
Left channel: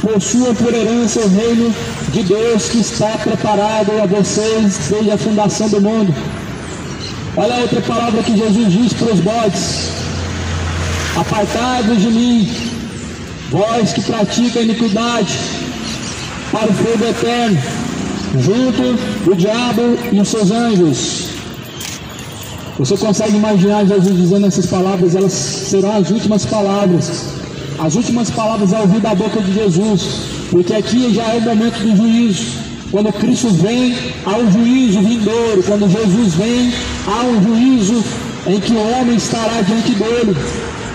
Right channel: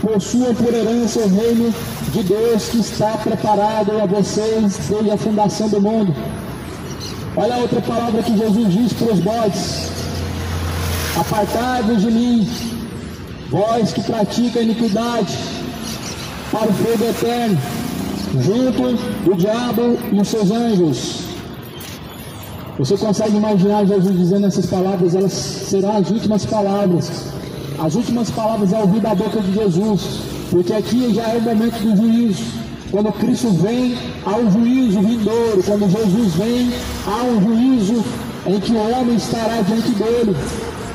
possuam por herança o reino de Deus que está preparado a vocês desde a fundação do mundo. Olha a outra palavra que Jesus diz para os bodes: apartai-vos de mim, vós que praticam iniquidade, para o fogo eterno, junto o diabo e os seus anjos. Você consegue imaginar Jesus dizendo essas palavras? Elas serão as últimas palavras. As últimas palavras ao ouvir da boca de Jesus, porque aqui já é o momento do juízo. Quando Cristo vem, há um juízo vindouro. Quando Jesus vem, há um juízo em que o homem estará diante dele.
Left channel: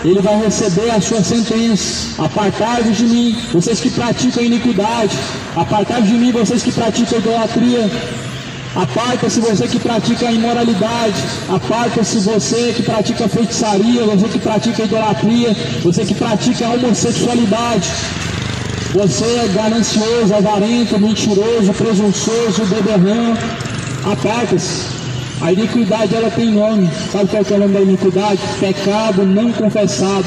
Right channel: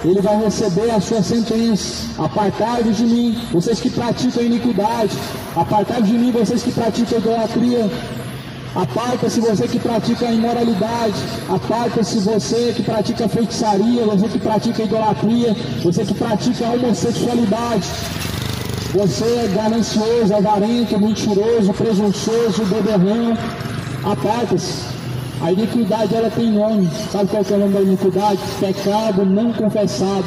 Ele vai receber a sua sentença. Apartai-vos de mim, vocês que praticam iniquidade. Apartai-vos de mim, vocês que praticam idolatria. Aparta-se você que pratica a imoralidade, aparta-se você que pratica feitiçaria, você que pratica idolatria, você que pratica a homossexualidade. Você é ganancioso, avarento, mentiroso, presunçoso, beberrão. Aparta-se. A iniquidade, ela tem nome. Sabe qual que é o nome da iniquidade? Pecado não confessado.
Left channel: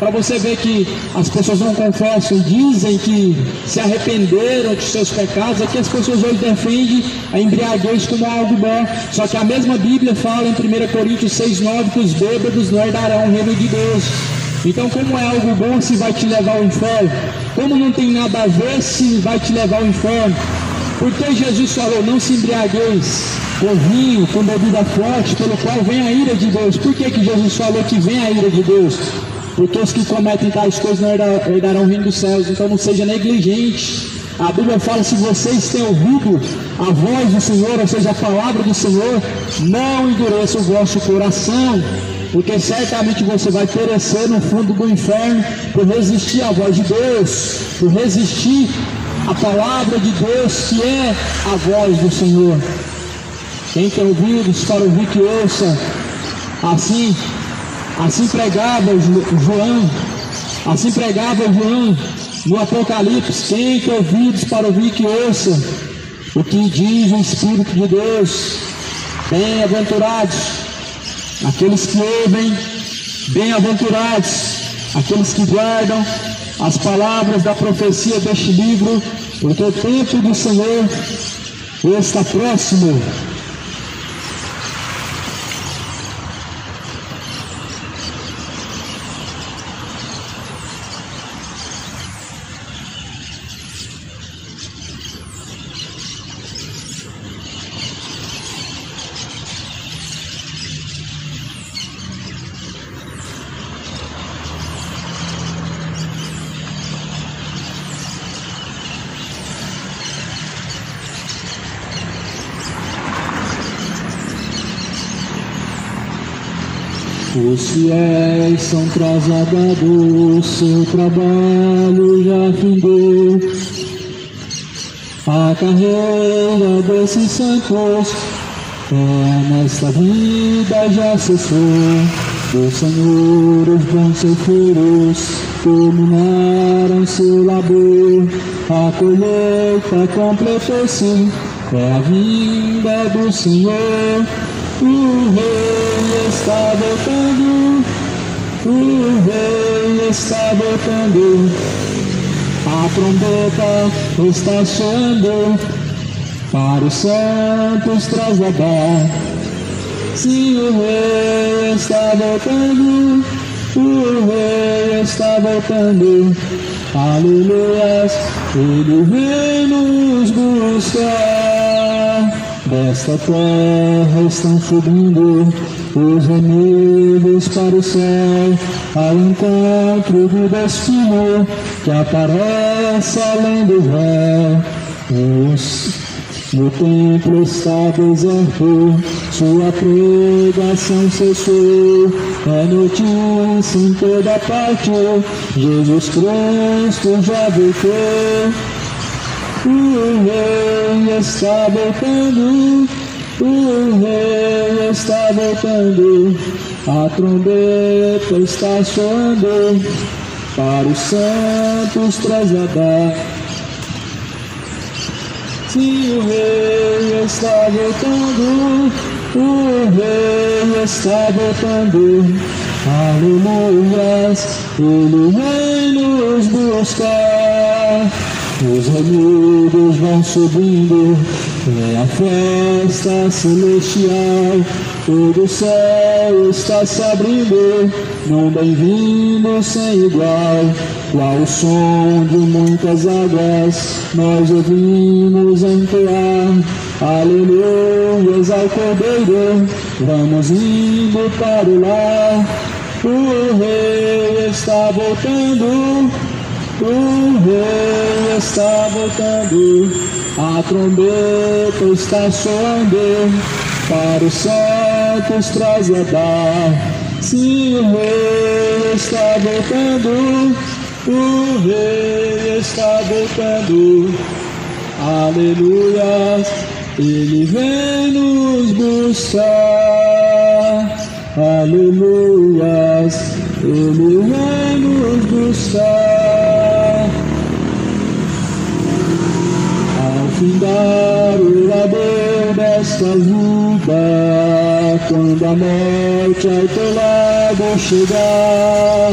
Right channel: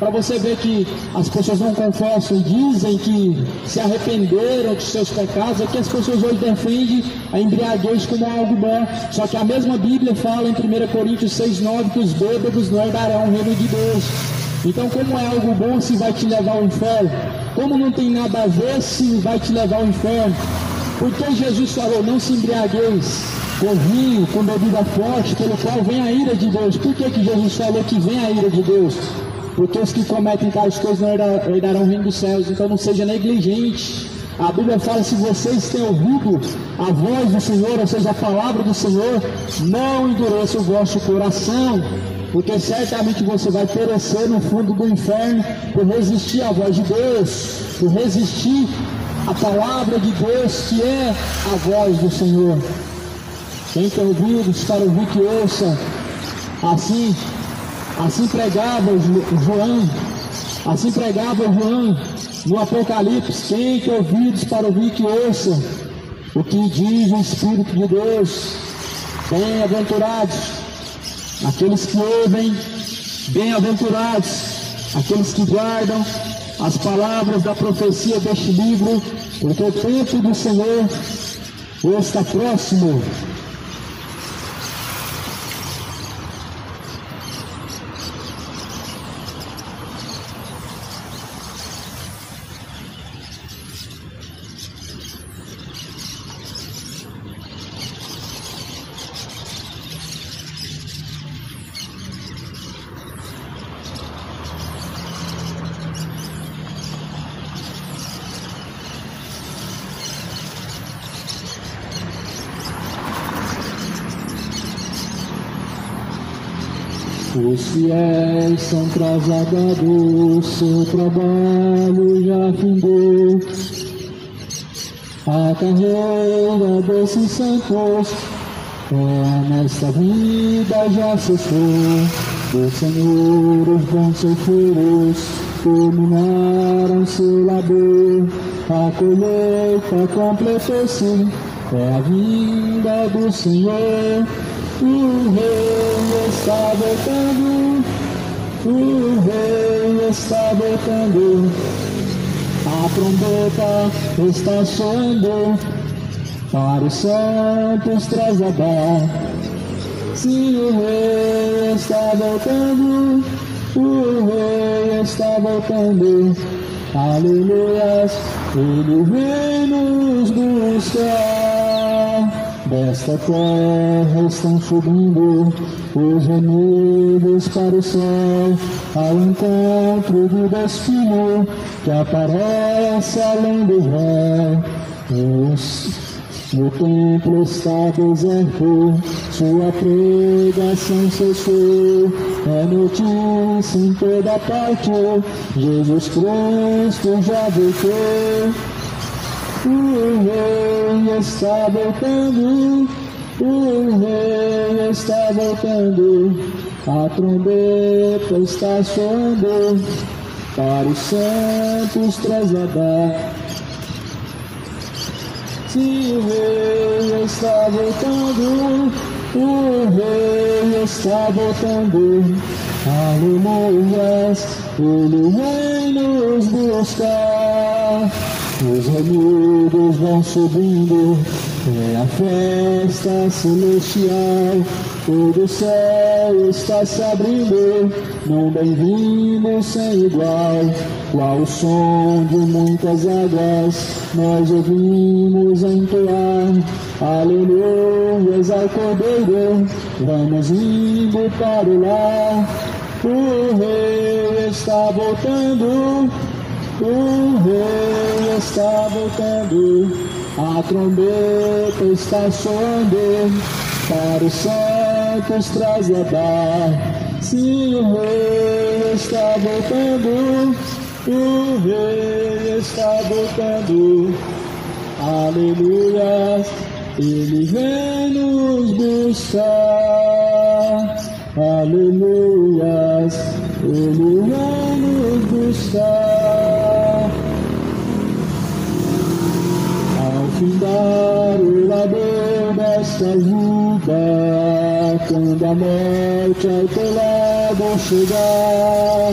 Para você ver que as pessoas não confessam e dizem que se arrependeram de seus pecados, é que as pessoas hoje defendem a embriaguez como algo bom. Só que a mesma Bíblia fala em 1 Coríntios 6,9 que os bêbados não herdarão o reino de Deus. Então, como é algo bom se vai te levar ao inferno? Como não tem nada a ver se vai te levar ao inferno? Porque Jesus falou, não se embriagueis com vinho, com bebida forte, pelo qual vem a ira de Deus. Por que Jesus falou que vem a ira de Deus? Porque os que cometem tais coisas não herdarão o reino dos céus. Então não seja negligente. A Bíblia fala, se vocês têm ouvido a voz do Senhor, ou seja, a palavra do Senhor, não endureça o vosso coração, porque certamente você vai perecer no fundo do inferno por resistir à voz de Deus, por resistir à palavra de Deus, que é a voz do Senhor. Quem tem ouvidos para ouvir, que ouça. Assim pregava João no Apocalipse. Quem tem ouvidos para ouvir, que ouça o que diz o Espírito de Deus. Bem-aventurados aqueles que ouvem, bem-aventurados aqueles que guardam as palavras da profecia deste livro, porque o tempo do Senhor está próximo. Os fiéis são trasladados, seu trabalho já findou. A carreira desses santos nesta vida já cessou. Do Senhor os bons ceifeiros terminaram seu labor. A colheita completou-se, é a vinda do Senhor. O Rei está voltando, o Rei está voltando. A trombeta está soando para os santos trasladar. Sim, o Rei está voltando, o Rei está voltando. Aleluias, Ele vem nos buscar. Desta terra estão subindo os gemidos para o céu, ao encontro do destino que aparece além do véu. O templo está deserto, sua pregação cessou. É notícia em toda parte, Jesus Cristo já voltou. O Rei está voltando, o Rei está voltando. A trombeta está soando para os santos trasladar. Sim, o Rei está voltando, o Rei está voltando. Aleluias, Ele vem nos buscar. Os remidos vão subindo, é a festa celestial. Todo o céu está se abrindo, num bem-vindo sem igual. Ao som de muitas águas, nós ouvimos entoar. Aleluias ao Cordeiro, vamos indo para o lar. O Rei está voltando, o Rei está voltando. A trombeta está soando para os santos trasladar. Sim, o Rei está voltando, o Rei está voltando. Aleluia. Ele vem nos buscar, aleluias, Ele vem nos buscar. Ao findar o labor desta vida, quando a morte ao teu lado chegar,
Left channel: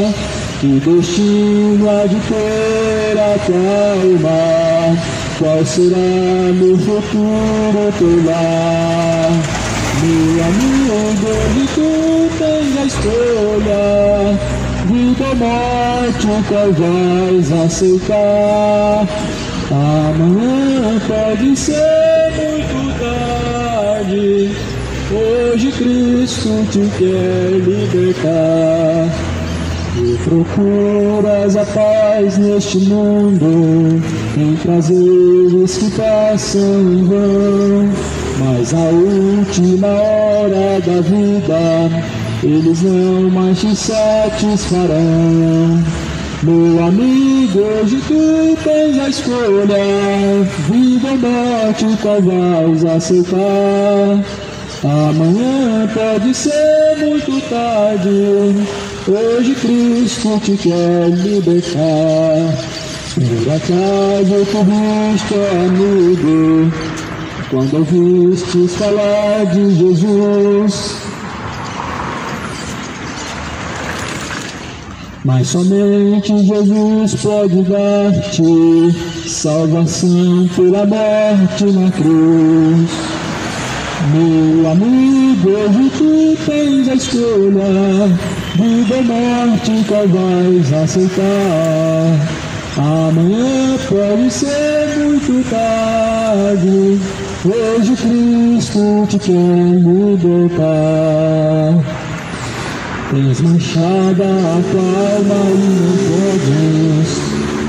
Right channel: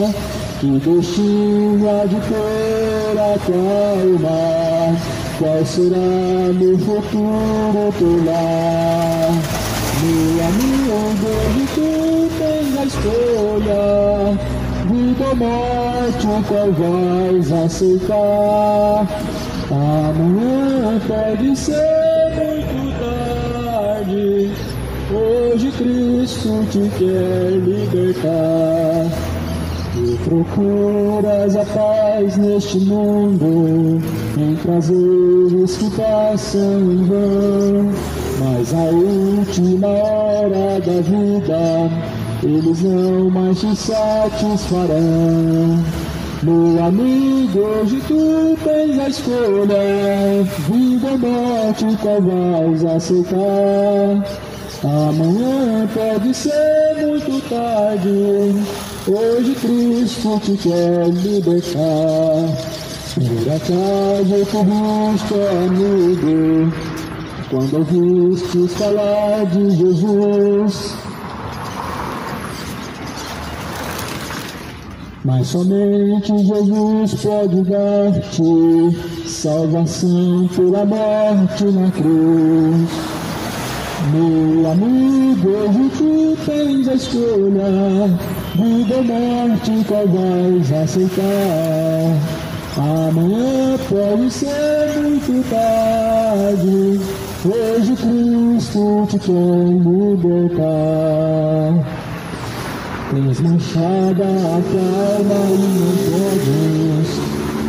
que destino há de ter a tua alma? Qual será no futuro teu lar? Meu amigo, onde tu tens a escolha, vida ou morte, qual vais aceitar? Amanhã pode ser muito tarde, hoje Cristo te quer libertar. Tu procuras a paz neste mundo, em prazeres que passam em vão, mas a última hora da vida eles não mais te satisfarão. Meu amigo, hoje tu tens a escolha, vida ou morte, qual vais aceitar? Amanhã pode ser muito tarde, hoje Cristo te quer libertar. Por acaso tu viste, amigo, quando ouvistes falar de Jesus? Mas somente Jesus pode dar-te salvação pela morte na cruz. Meu amigo, hoje tu tens a escolha, vida ou morte, qual vais aceitar? Amanhã pode ser muito tarde, hoje Cristo te quer libertar. Tens manchada a tua alma e não podes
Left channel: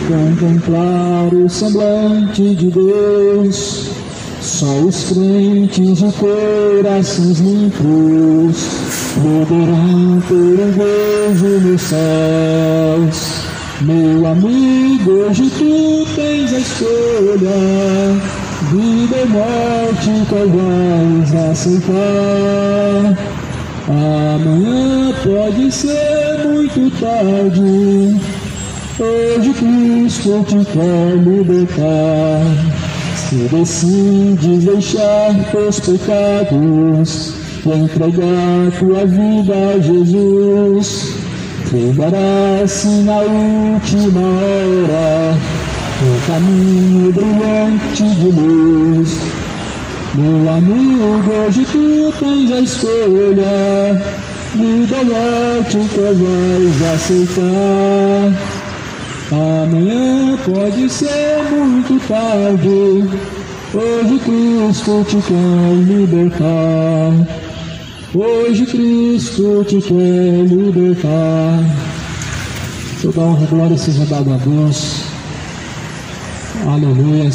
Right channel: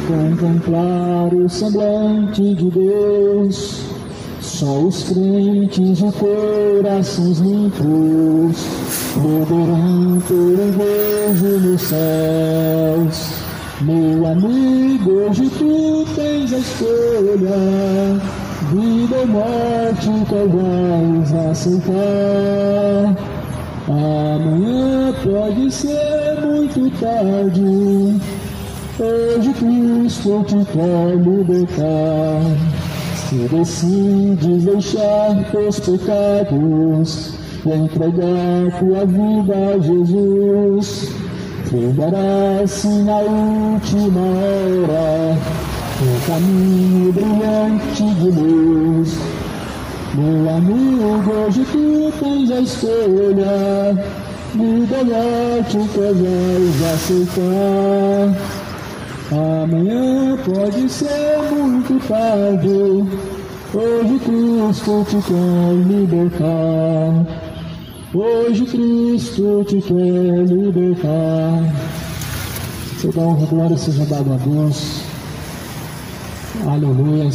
contemplar o semblante de Deus. Só os crentes de corações limpos poderão ter um beijo nos céus. Meu amigo, hoje tu tens a escolha, vida ou morte, qual vais aceitar? Amanhã pode ser muito tarde, hoje Cristo te quer libertar. Se decides deixar teus pecados e entregar tua vida a Jesus, trilharás na última hora o caminho brilhante de luz. Meu amigo, hoje tu tens a escolha, vida ou morte, que vais aceitar? Amanhã pode ser muito tarde, hoje Cristo te quer libertar. Hoje Cristo te quer libertar. Toda honra e glória seja dada a Deus. Aleluia.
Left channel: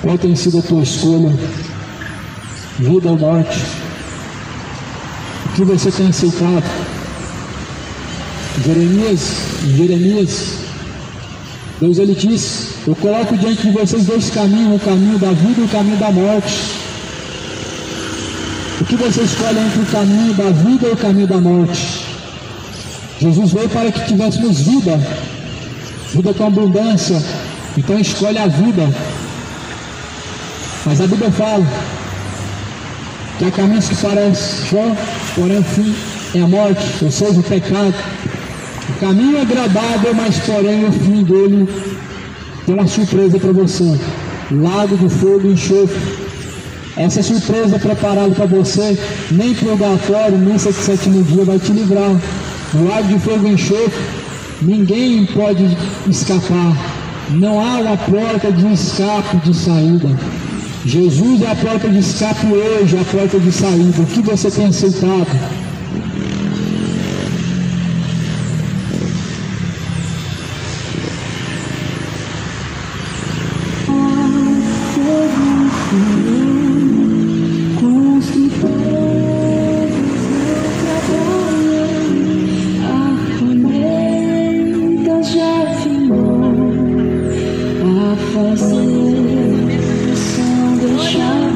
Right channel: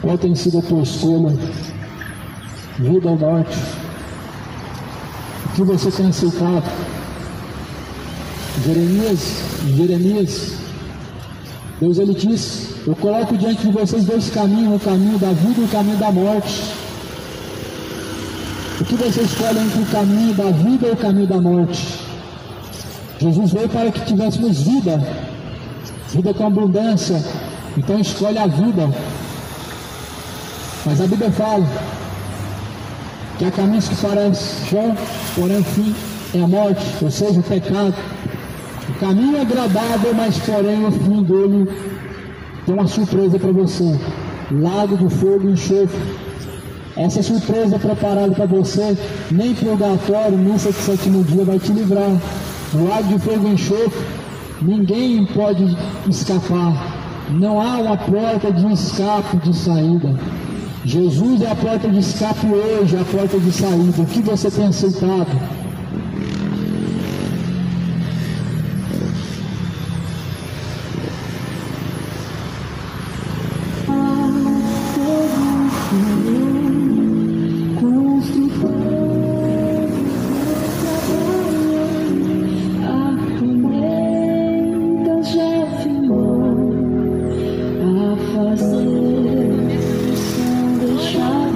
Qual tem sido a tua escolha? Vida ou morte? O que você tem aceitado? Jeremias, Deus ele disse: eu coloco diante de vocês dois caminhos, o caminho da vida e o caminho da morte. O que você escolhe entre o caminho da vida e o caminho da morte? Jesus veio para que tivéssemos vida com abundância. Então escolhe a vida. Mas a Bíblia fala que há caminhos que parecem bom, porém o fim é a morte, ou seja, o pecado. O caminho é agradável, mas porém o fim dele tem uma surpresa para você: lago de fogo e enxofre. Essa surpresa preparada para você, nem purgatório, nem sétimo dia vai te livrar. No lago de fogo e enxofre, ninguém pode escapar. Não há uma porta de escape, de saída. Jesus é a porta de escape hoje, a porta de saída. O que você tem aceitado? Deixar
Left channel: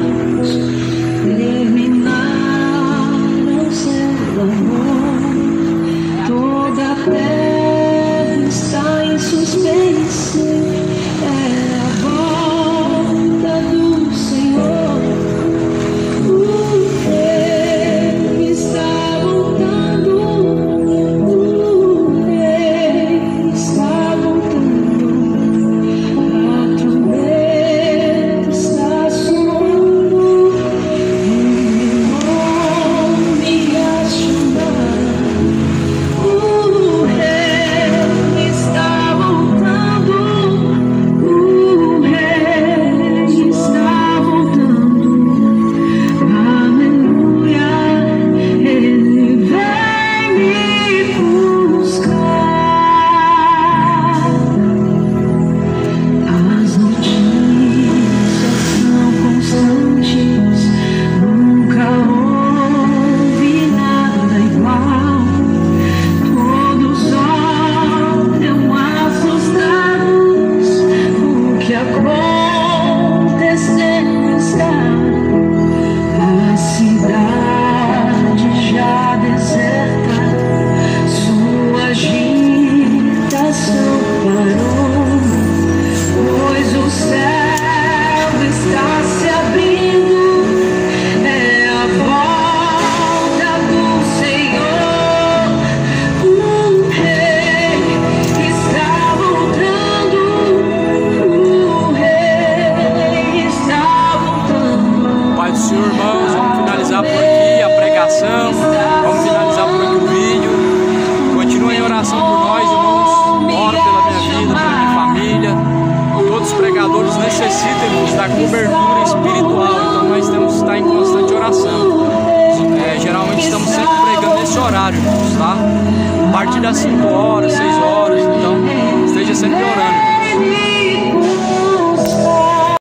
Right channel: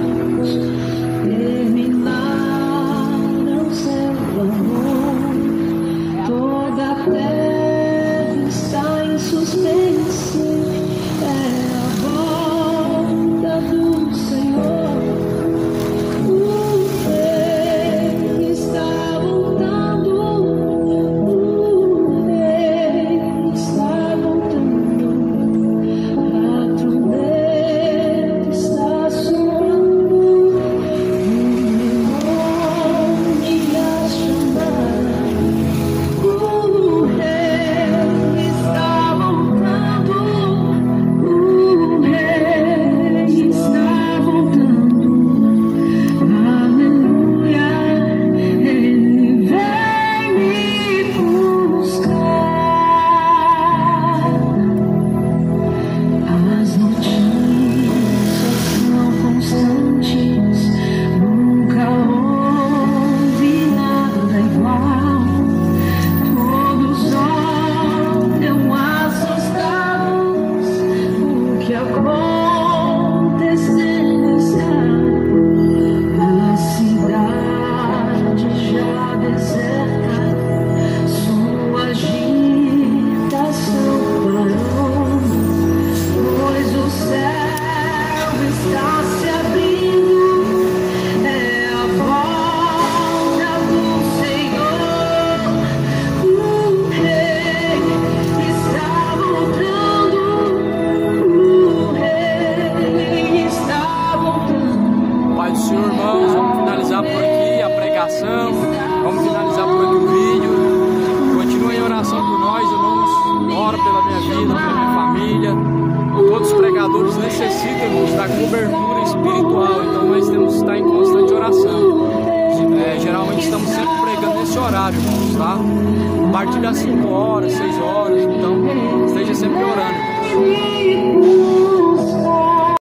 horário, irmãos, tá? A partir das 5 horas, 6 horas, então esteja sempre orando.